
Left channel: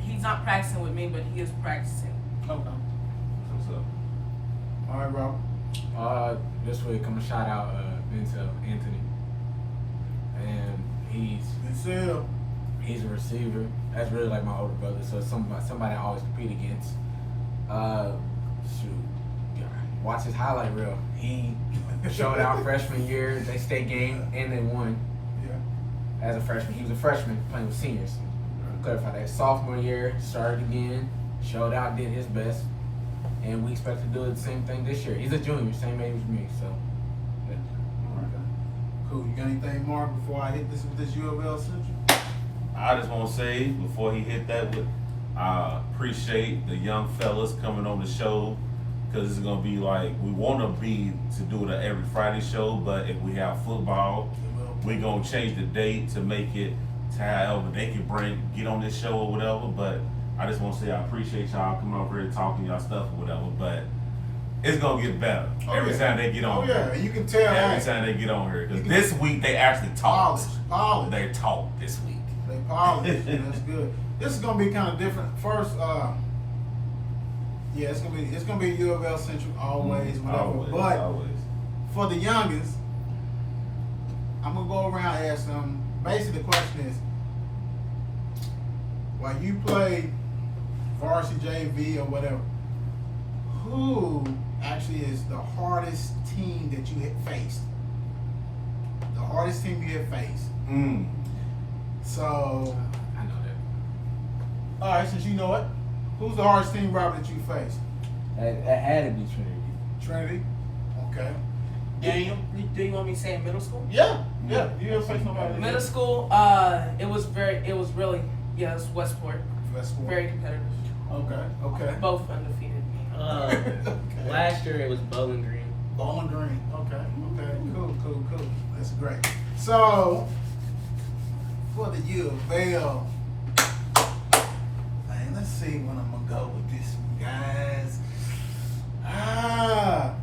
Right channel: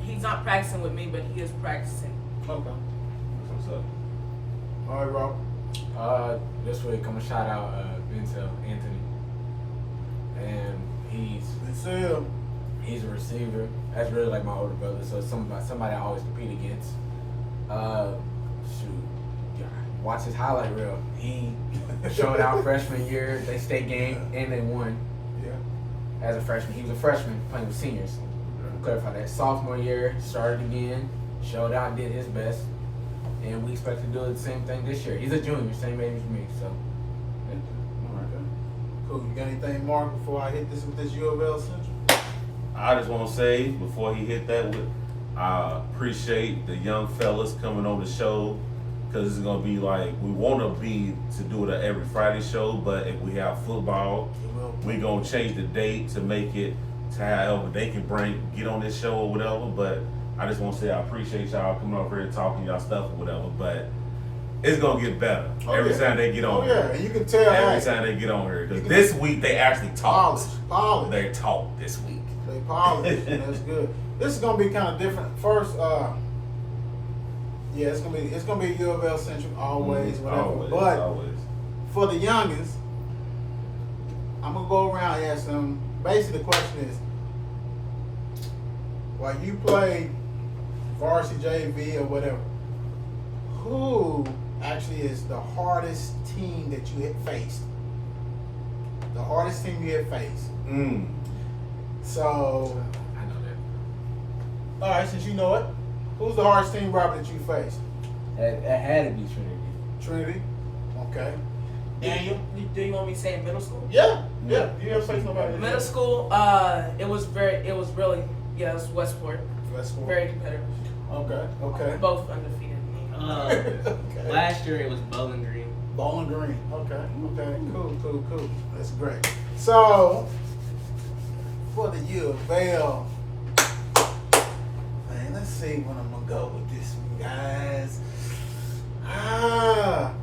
He's not practicing with me, but he is practicing. Okay. What's up? All right, Rob. This week I'm gonna shout out Vincent Anthony, and he's a receiver. That's really like my older brother, so it's somebody I always compete against. Watch his highlight reel. He showed out freshman year, they state game, and they won. Yeah. As a freshman, he was a freshman playing with seniors. Clarify that. Sophomore year, started again, showed out, did his best, and we expect to do the same thing this year. He's a junior, same age as me, so. All right. Cool. You got anything more before I hit this with this U of L Central? I just want to say before he hit that, I appreciate the young fellas coming on the show, because it's gonna be like we want to do it at every Friday show, but if we have football, we gonna change the date to make it to however they can get on this show or whatever. But I just want to say I appreciate y'all coming over here and talking y'all stuff or whatever. But it's gonna get better every time they get on here. Yeah, you can tell. Every time they get on here, because this week they actually talked. Polish. They talked this week. They polished. That's good. This is gonna be kind of different. First, yeah, it's gonna be U of L Central always, whatever. Always. For the youngest, I'm gonna go around and ask them. Basically, the question is, while you play varsity JV or whatever, who actually is the hardest team that you have faced? The hardest team you have faced. So, I know that. all right, since you know it, who's the hardest team, Robert, that you faced? It had to be Trinity. Trinity. Okay. Daniel. Do you want me to say in middle school? Yeah. You ever faced nobody? Middle school, it was really Westport. Westport. Very competitive. Okay. Both undefeated. Okay. Last year it was Bowling Green. Bowling Green. Okay. Cool. That's great. So, for the U of L, man, let's see when I'm gonna go with this one, guys.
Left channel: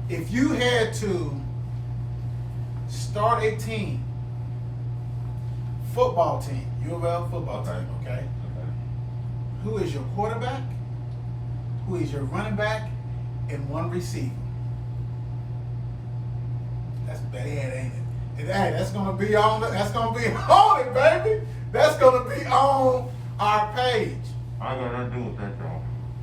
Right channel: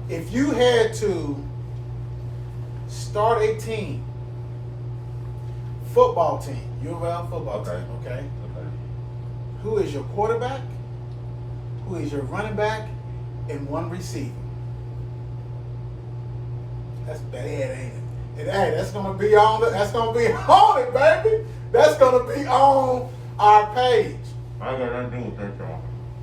If you had to start a team, football team, U of L football team, okay? Who is your quarterback? Who is your running back? And one receiver. That's bad, ain't it? And hey, that's gonna be on it, baby. That's gonna be on our page. I ain't got nothing to do with that, y'all.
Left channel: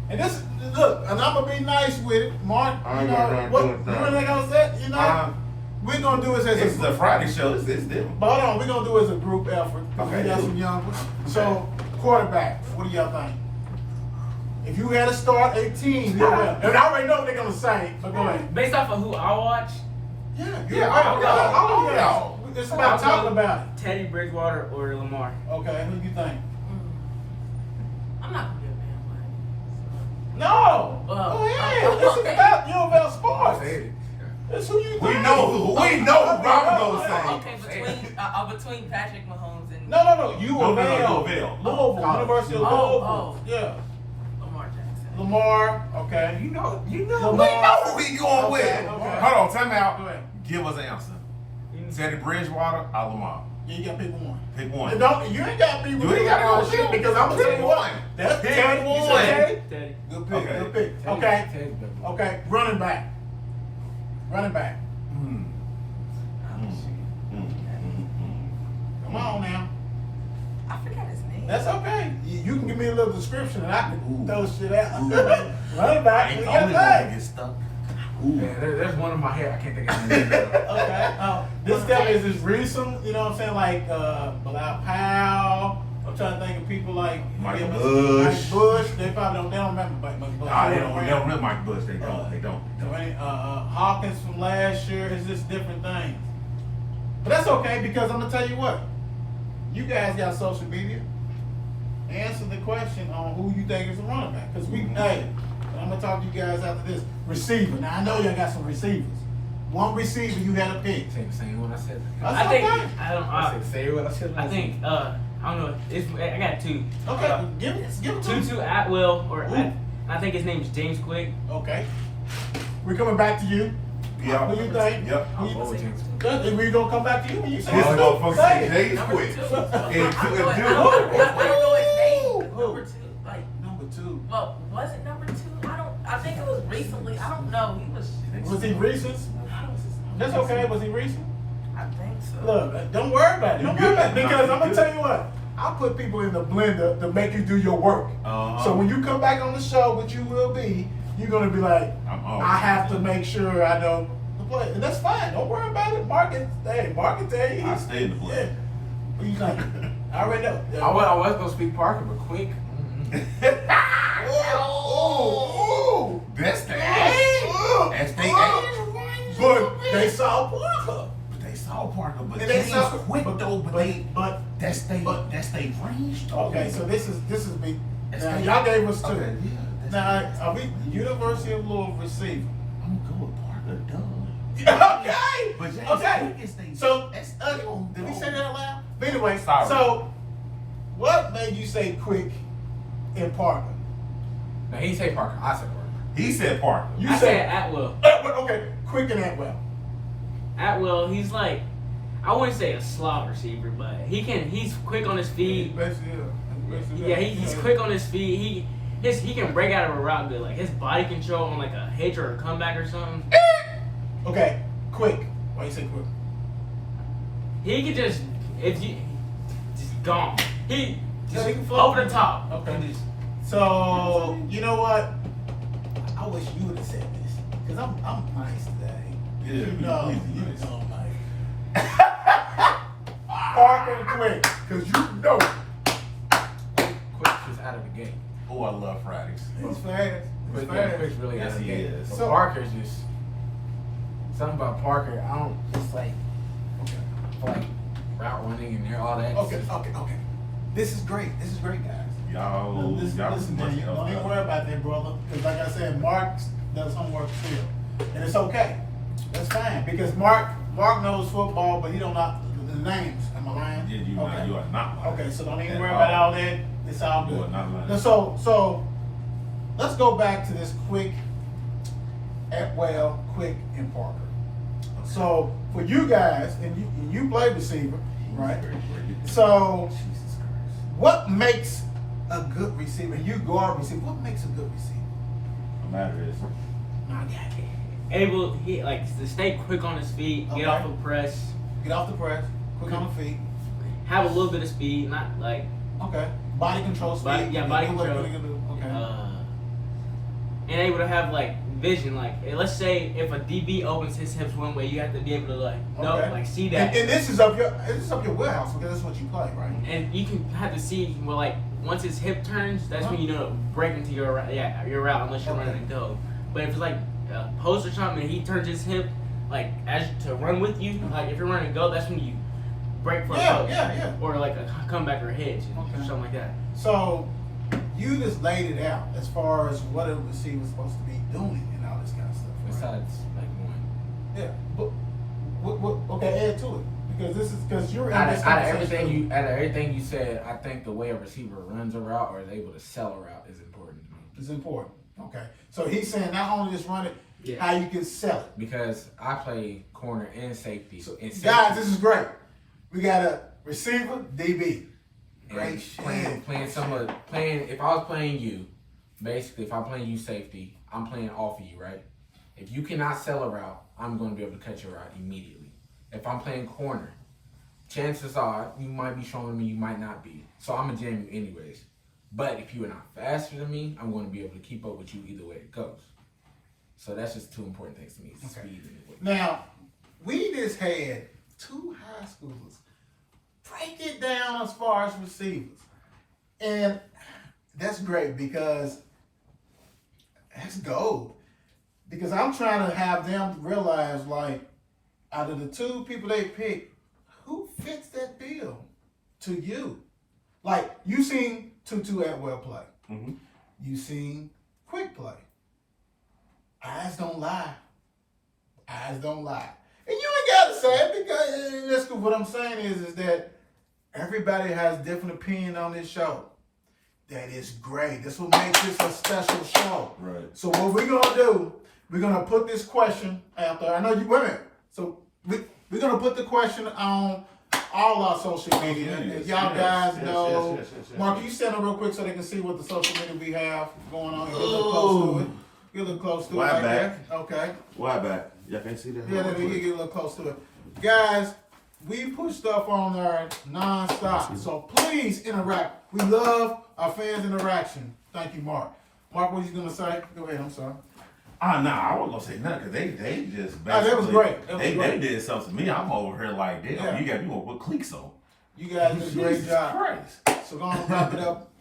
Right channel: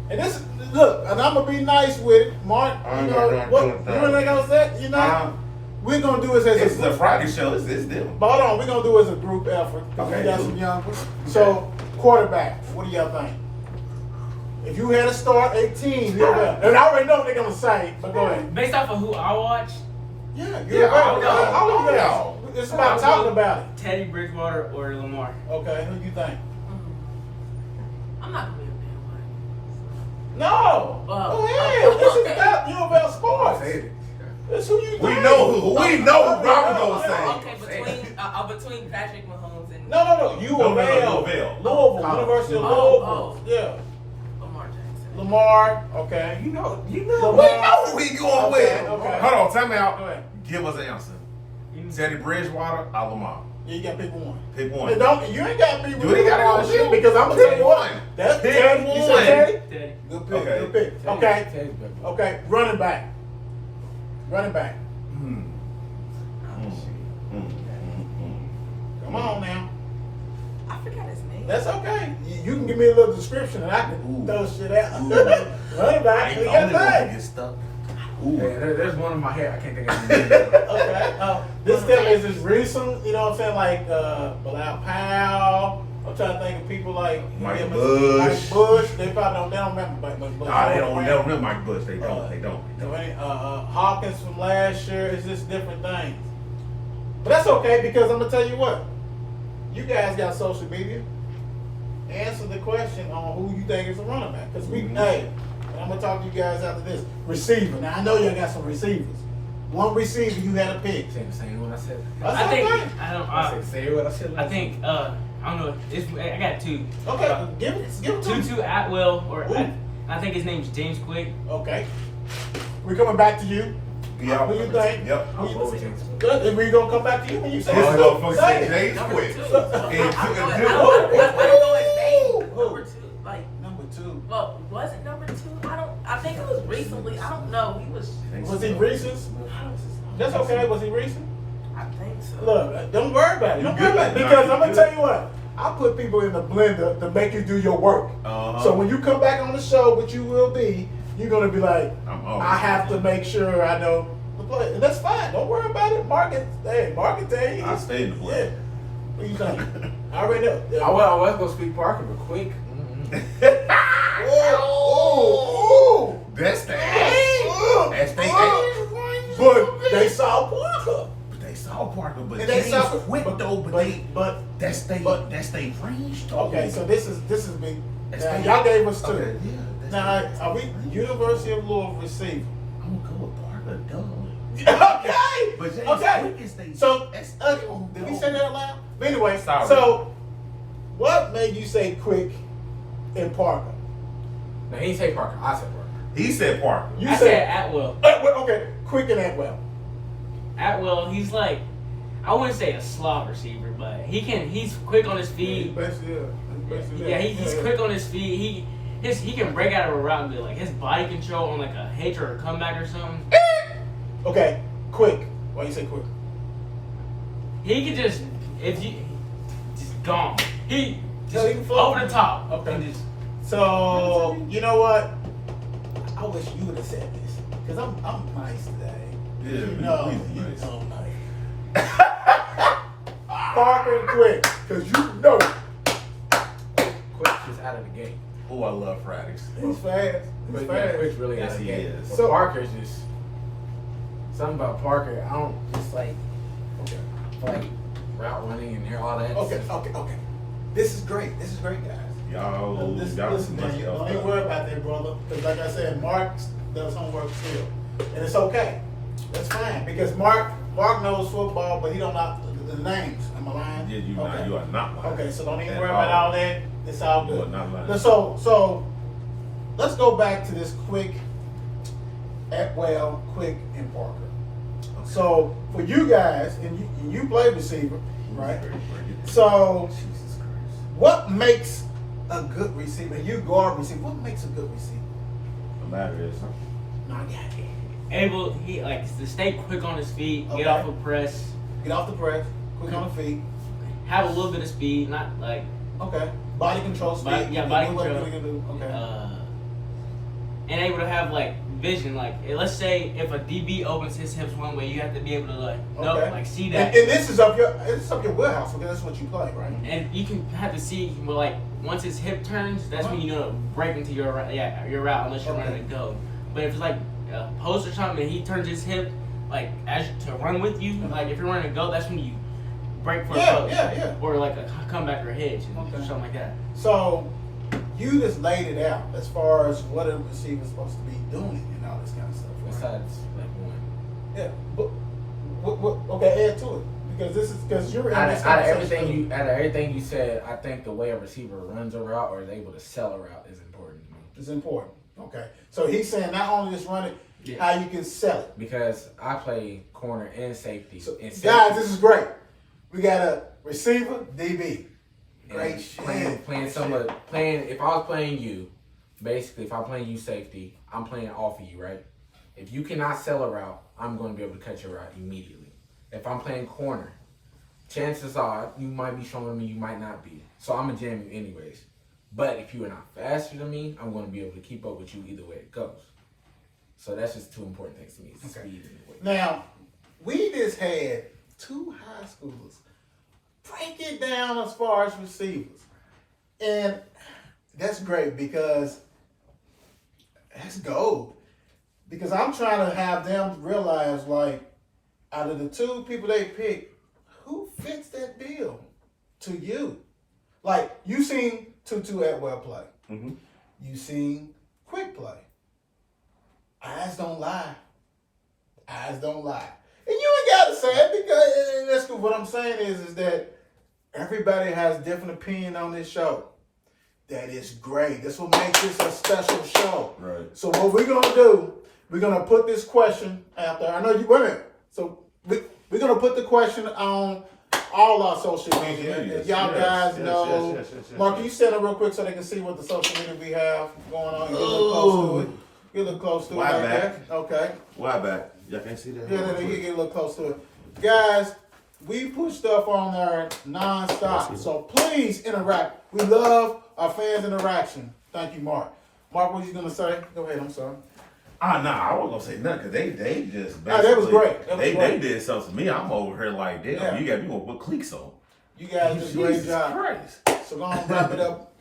And this, look, and I'm gonna be nice with it, Mark. I You ain't got know nothing what? to do with You that. really gonna say? You know, we're gonna do this as This is a Friday show. It's different. But hold on, we're gonna do it as a group effort. Okay, We got cool. some young ones. So, quarterback, what do y'all think? If you had to start a team, and I already know what they're gonna say, but go ahead. Based off of who I watch, Yeah, I'll go. I'll y'all. It's about talking about it. Teddy Bridgewater or Lamar. Okay, who do you think? I'm not gonna be a bandwagon. No! Go ahead. This is about U of L sports. That's who you think. We know who Robert gonna say. Okay, between Patrick Mahomes and No. U of L. Louisville. University of Louisville. Yeah. Lamar Jackson. Lamar. Okay. You know. Lamar. We know who we going with. Okay. Hold on, time out. Go ahead. Give us an answer. Teddy Bridgewater, Lamar. Yeah, you got to pick one. Pick one. You ain't got to be You ain't gotta go with shit you. because I'm gonna Pick tell you what. one. That's Pick Teddy. You said one. Teddy? Teddy. Good pick. Okay. Good pick. Okay. Teddy's good. Okay. Running back. Come on now. I forgot his name. That's okay. You can give me a little description and I can Ooh. throw shit out. Ooh. Running back. Ain't You only got gonna that. get stuck. Yeah, there's one in my head. I can't think of his name. Okay. This stuff is just recent. You know what I'm saying? Like Bilal Powell. I'm trying to think of people like Mike Mike Bush. Bush. They probably don't remember Mike Bush. Nah, they don't remember Mike Bush. They don't. Hawkins from last year. It's just different things. But that's okay because I'm gonna tell you what. You guys got social media. Answer the question on who you think is a running back. Because hey, and I'm gonna talk to you guys after this. Receiver. Now I know y'all got some receivers. One receiver you gotta pick. Say the same one I said. That's I think okay. I said, say what I said. I think I don't know. I got two. Okay, give it to me. Tutu Atwell or Ooh. I think his name's James Quick. Okay. We're coming back to you. Yeah. Who you think? Yep. I'll go with James. Good. And we gonna come back to you when you say This it. motherfucker Say said it. James Number Quick. two. And I don't know his name. Who? Number two. Like, Number two. well, was it number two? I think it was recently. I don't know. He was. Was he recent? That's okay. Was he recent? I think so. Look, don't worry about it. Don't You worry good. about it. Because Nah, I'm you gonna tell good. you what. I put people in the blender to make you do your work. Uh-huh. So when you come back on the show, which you will be, you're gonna be like, I'm always I have to make sure I know the play. And that's fine. Don't worry about it. Mark can tell you. I stay in the play. What do you think? I already know. I was gonna speak Parker, but quick. Oh, That's the age. That's the age. but they saw Parker. But they saw Parker, but And they James saw- Quick though. But that's they but- range though. Okay, so this is big. That's Now they- y'all gave us two. Okay, yeah. That's Now that's are we they- University of Louisville receiver? I'm gonna go with Parker, duh. Okay. But James Okay. Quick is they. So that's did we say that out loud? But anyway, Sorry. so what made you say Quick and Parker? No, he didn't say Parker. I said Parker. He said Parker. You I said Atwell. Okay, Quick and Atwell. Atwell, he's like, I wouldn't say a slot receiver, but he's quick on his feet. Yeah, he's quick on his feet. He can break out of a route good. Like his body control on like a hitch or a comeback or something. Okay, Quick. Why you say Quick? He could just just gone. He Yeah, he can float. over the top. Okay. And just, So you know what? I wish you would have said this because I'm nice today. Yeah, you know, we you nice. know nice. Parker and Quick, because you know Quick is out of the game. Oh, I love Fridays. it's fast. But It's yeah, fast. Quick's really Yes, out of the he game. is. But So- Parker's just something about Parker. I don't just like route running and all that. Okay. This is great, guys. Y'all Listen, too man, much don't even worry about that, brother. Because like I said, Mark does homework still, and it's okay. That's fine because Mark knows football, but he don't know the names. Am I lying? Yeah, you are not lying. Okay, so don't even At worry about all. all that. It's all good. You are not lying. Now, so let's go back to this quick Quick and Parker. So for you guys, and you play receiver, right? So what makes a good receiver? You guard receiver. What makes a good receiver? No matter this. No, I got it. Able, he like to stay quick on his feet, Okay. get off of press, Get off the press, quick on the feet. have a little bit of speed, not like Okay. Body control, speed. Body You control. What you do. Okay. and able to have like vision. Like let's say if a DB opens his hips one way, you have to be able to see that. And this is up your warehouse because that's what you play, right? And you can have to see well, like once his hip turns, that's when you know to break into your route unless you're Okay. running to go. But if it's like a post or something and he turns his hip like as to run with you, like if you're running to go, that's when you break for a post. Yeah. Or like a comeback or hitch and Okay. something like that. So you just laid it out as far as what a receiver's supposed to be doing and all this kind of stuff. Right? Besides, like one. Yeah, but okay, add to it because you're in Out this of conversation. everything you said, I think the way a receiver runs a route or is able to sell a route is important to me. It's important. Okay, so he's saying not only just run it, Yeah. how you can sell it. Because I play corner and safety. So, And guys, this is great. We got a receiver, DB. Great shit. If I was playing you, basically, if I'm playing you safety, I'm playing off of you, right? If you cannot sell a route, I'm going to be able to cut your route immediately. If I'm playing corner, chances are you might be stronger than me, you might not be. So I'm going to jam you anyways. But if you are not faster than me, I'm going to be able to keep up with you either way it goes. So that's just two important things to me. It's Okay. speed and weight. Now, we just had 2 high schoolers break it down as far as receivers. And that's great because that's gold. Because I'm trying to have them realize, like, out of the 2 people they picked, who fits that bill to you? Like, you seen Tutu Atwell play. Mm-hmm. You seen Quick play. Eyes don't lie. Eyes don't lie. And you ain't got to say it because that's cool. What I'm saying is that everybody has different opinion on this show. That is great. That's what makes this a special show. Right. So what we're gonna do, we're gonna put this question out there. I know you wait a minute. So we're gonna put the question on all our social media. If y'all guys know, Mark, can you stand up real quick so they can see what the social media we have going on? Get a little close to it. Get a little close to it Why like back? that. Okay. Why back? Y'all can't see that? Yeah, you get a little close to it. Guys, we put stuff on there non-stop. So please interact. We love our fans' interaction. Thank you, Mark. Mark, what are you gonna say? Go ahead, I'm sorry. Nah, I wasn't gonna say nothing because they just basically that was great. That was they great. did something to me. I'm over here like, damn, Yeah. you want to put cleats on. You guys did a great Jesus job. Christ. So go on, wrap it up.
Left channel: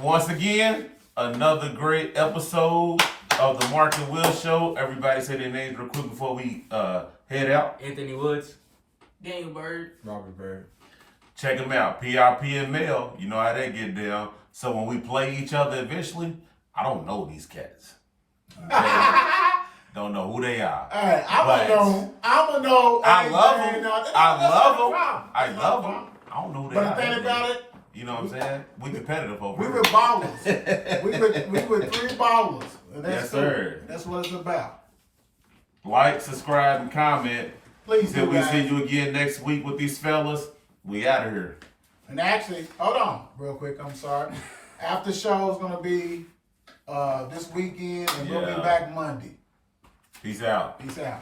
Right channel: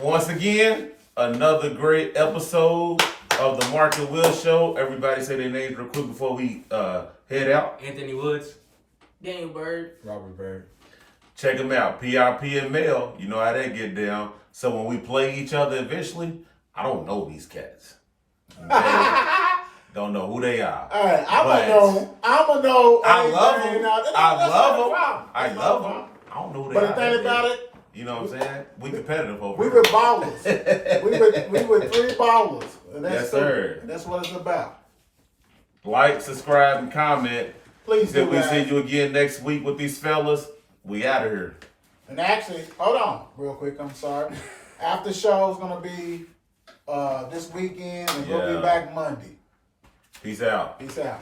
Once again, another great episode of the Mark and Will Show. Everybody say their names real quick before we head out. Anthony Woods. Daniel Bird. Robert Bird. Check them out. PRP and Mel. You know how they get down. So when we play each other eventually, I don't know these cats. Don't know who they are. All right, I'm But gonna know. I love them. That's I not love a them. problem. I That's not a love them. problem. I don't know who they But are. the thing about it, You know what I'm saying? We competitive over we here. were ballers. we were 3 ballers. And that's Yes, sir. it. That's what it's about. Like, subscribe, and comment. Please Till do, we guys. see you again next week with these fellas. We out of here. And actually, hold on, real quick. I'm sorry. After show is gonna be this weekend, and we'll Yeah. be back Monday. Peace out. Peace out.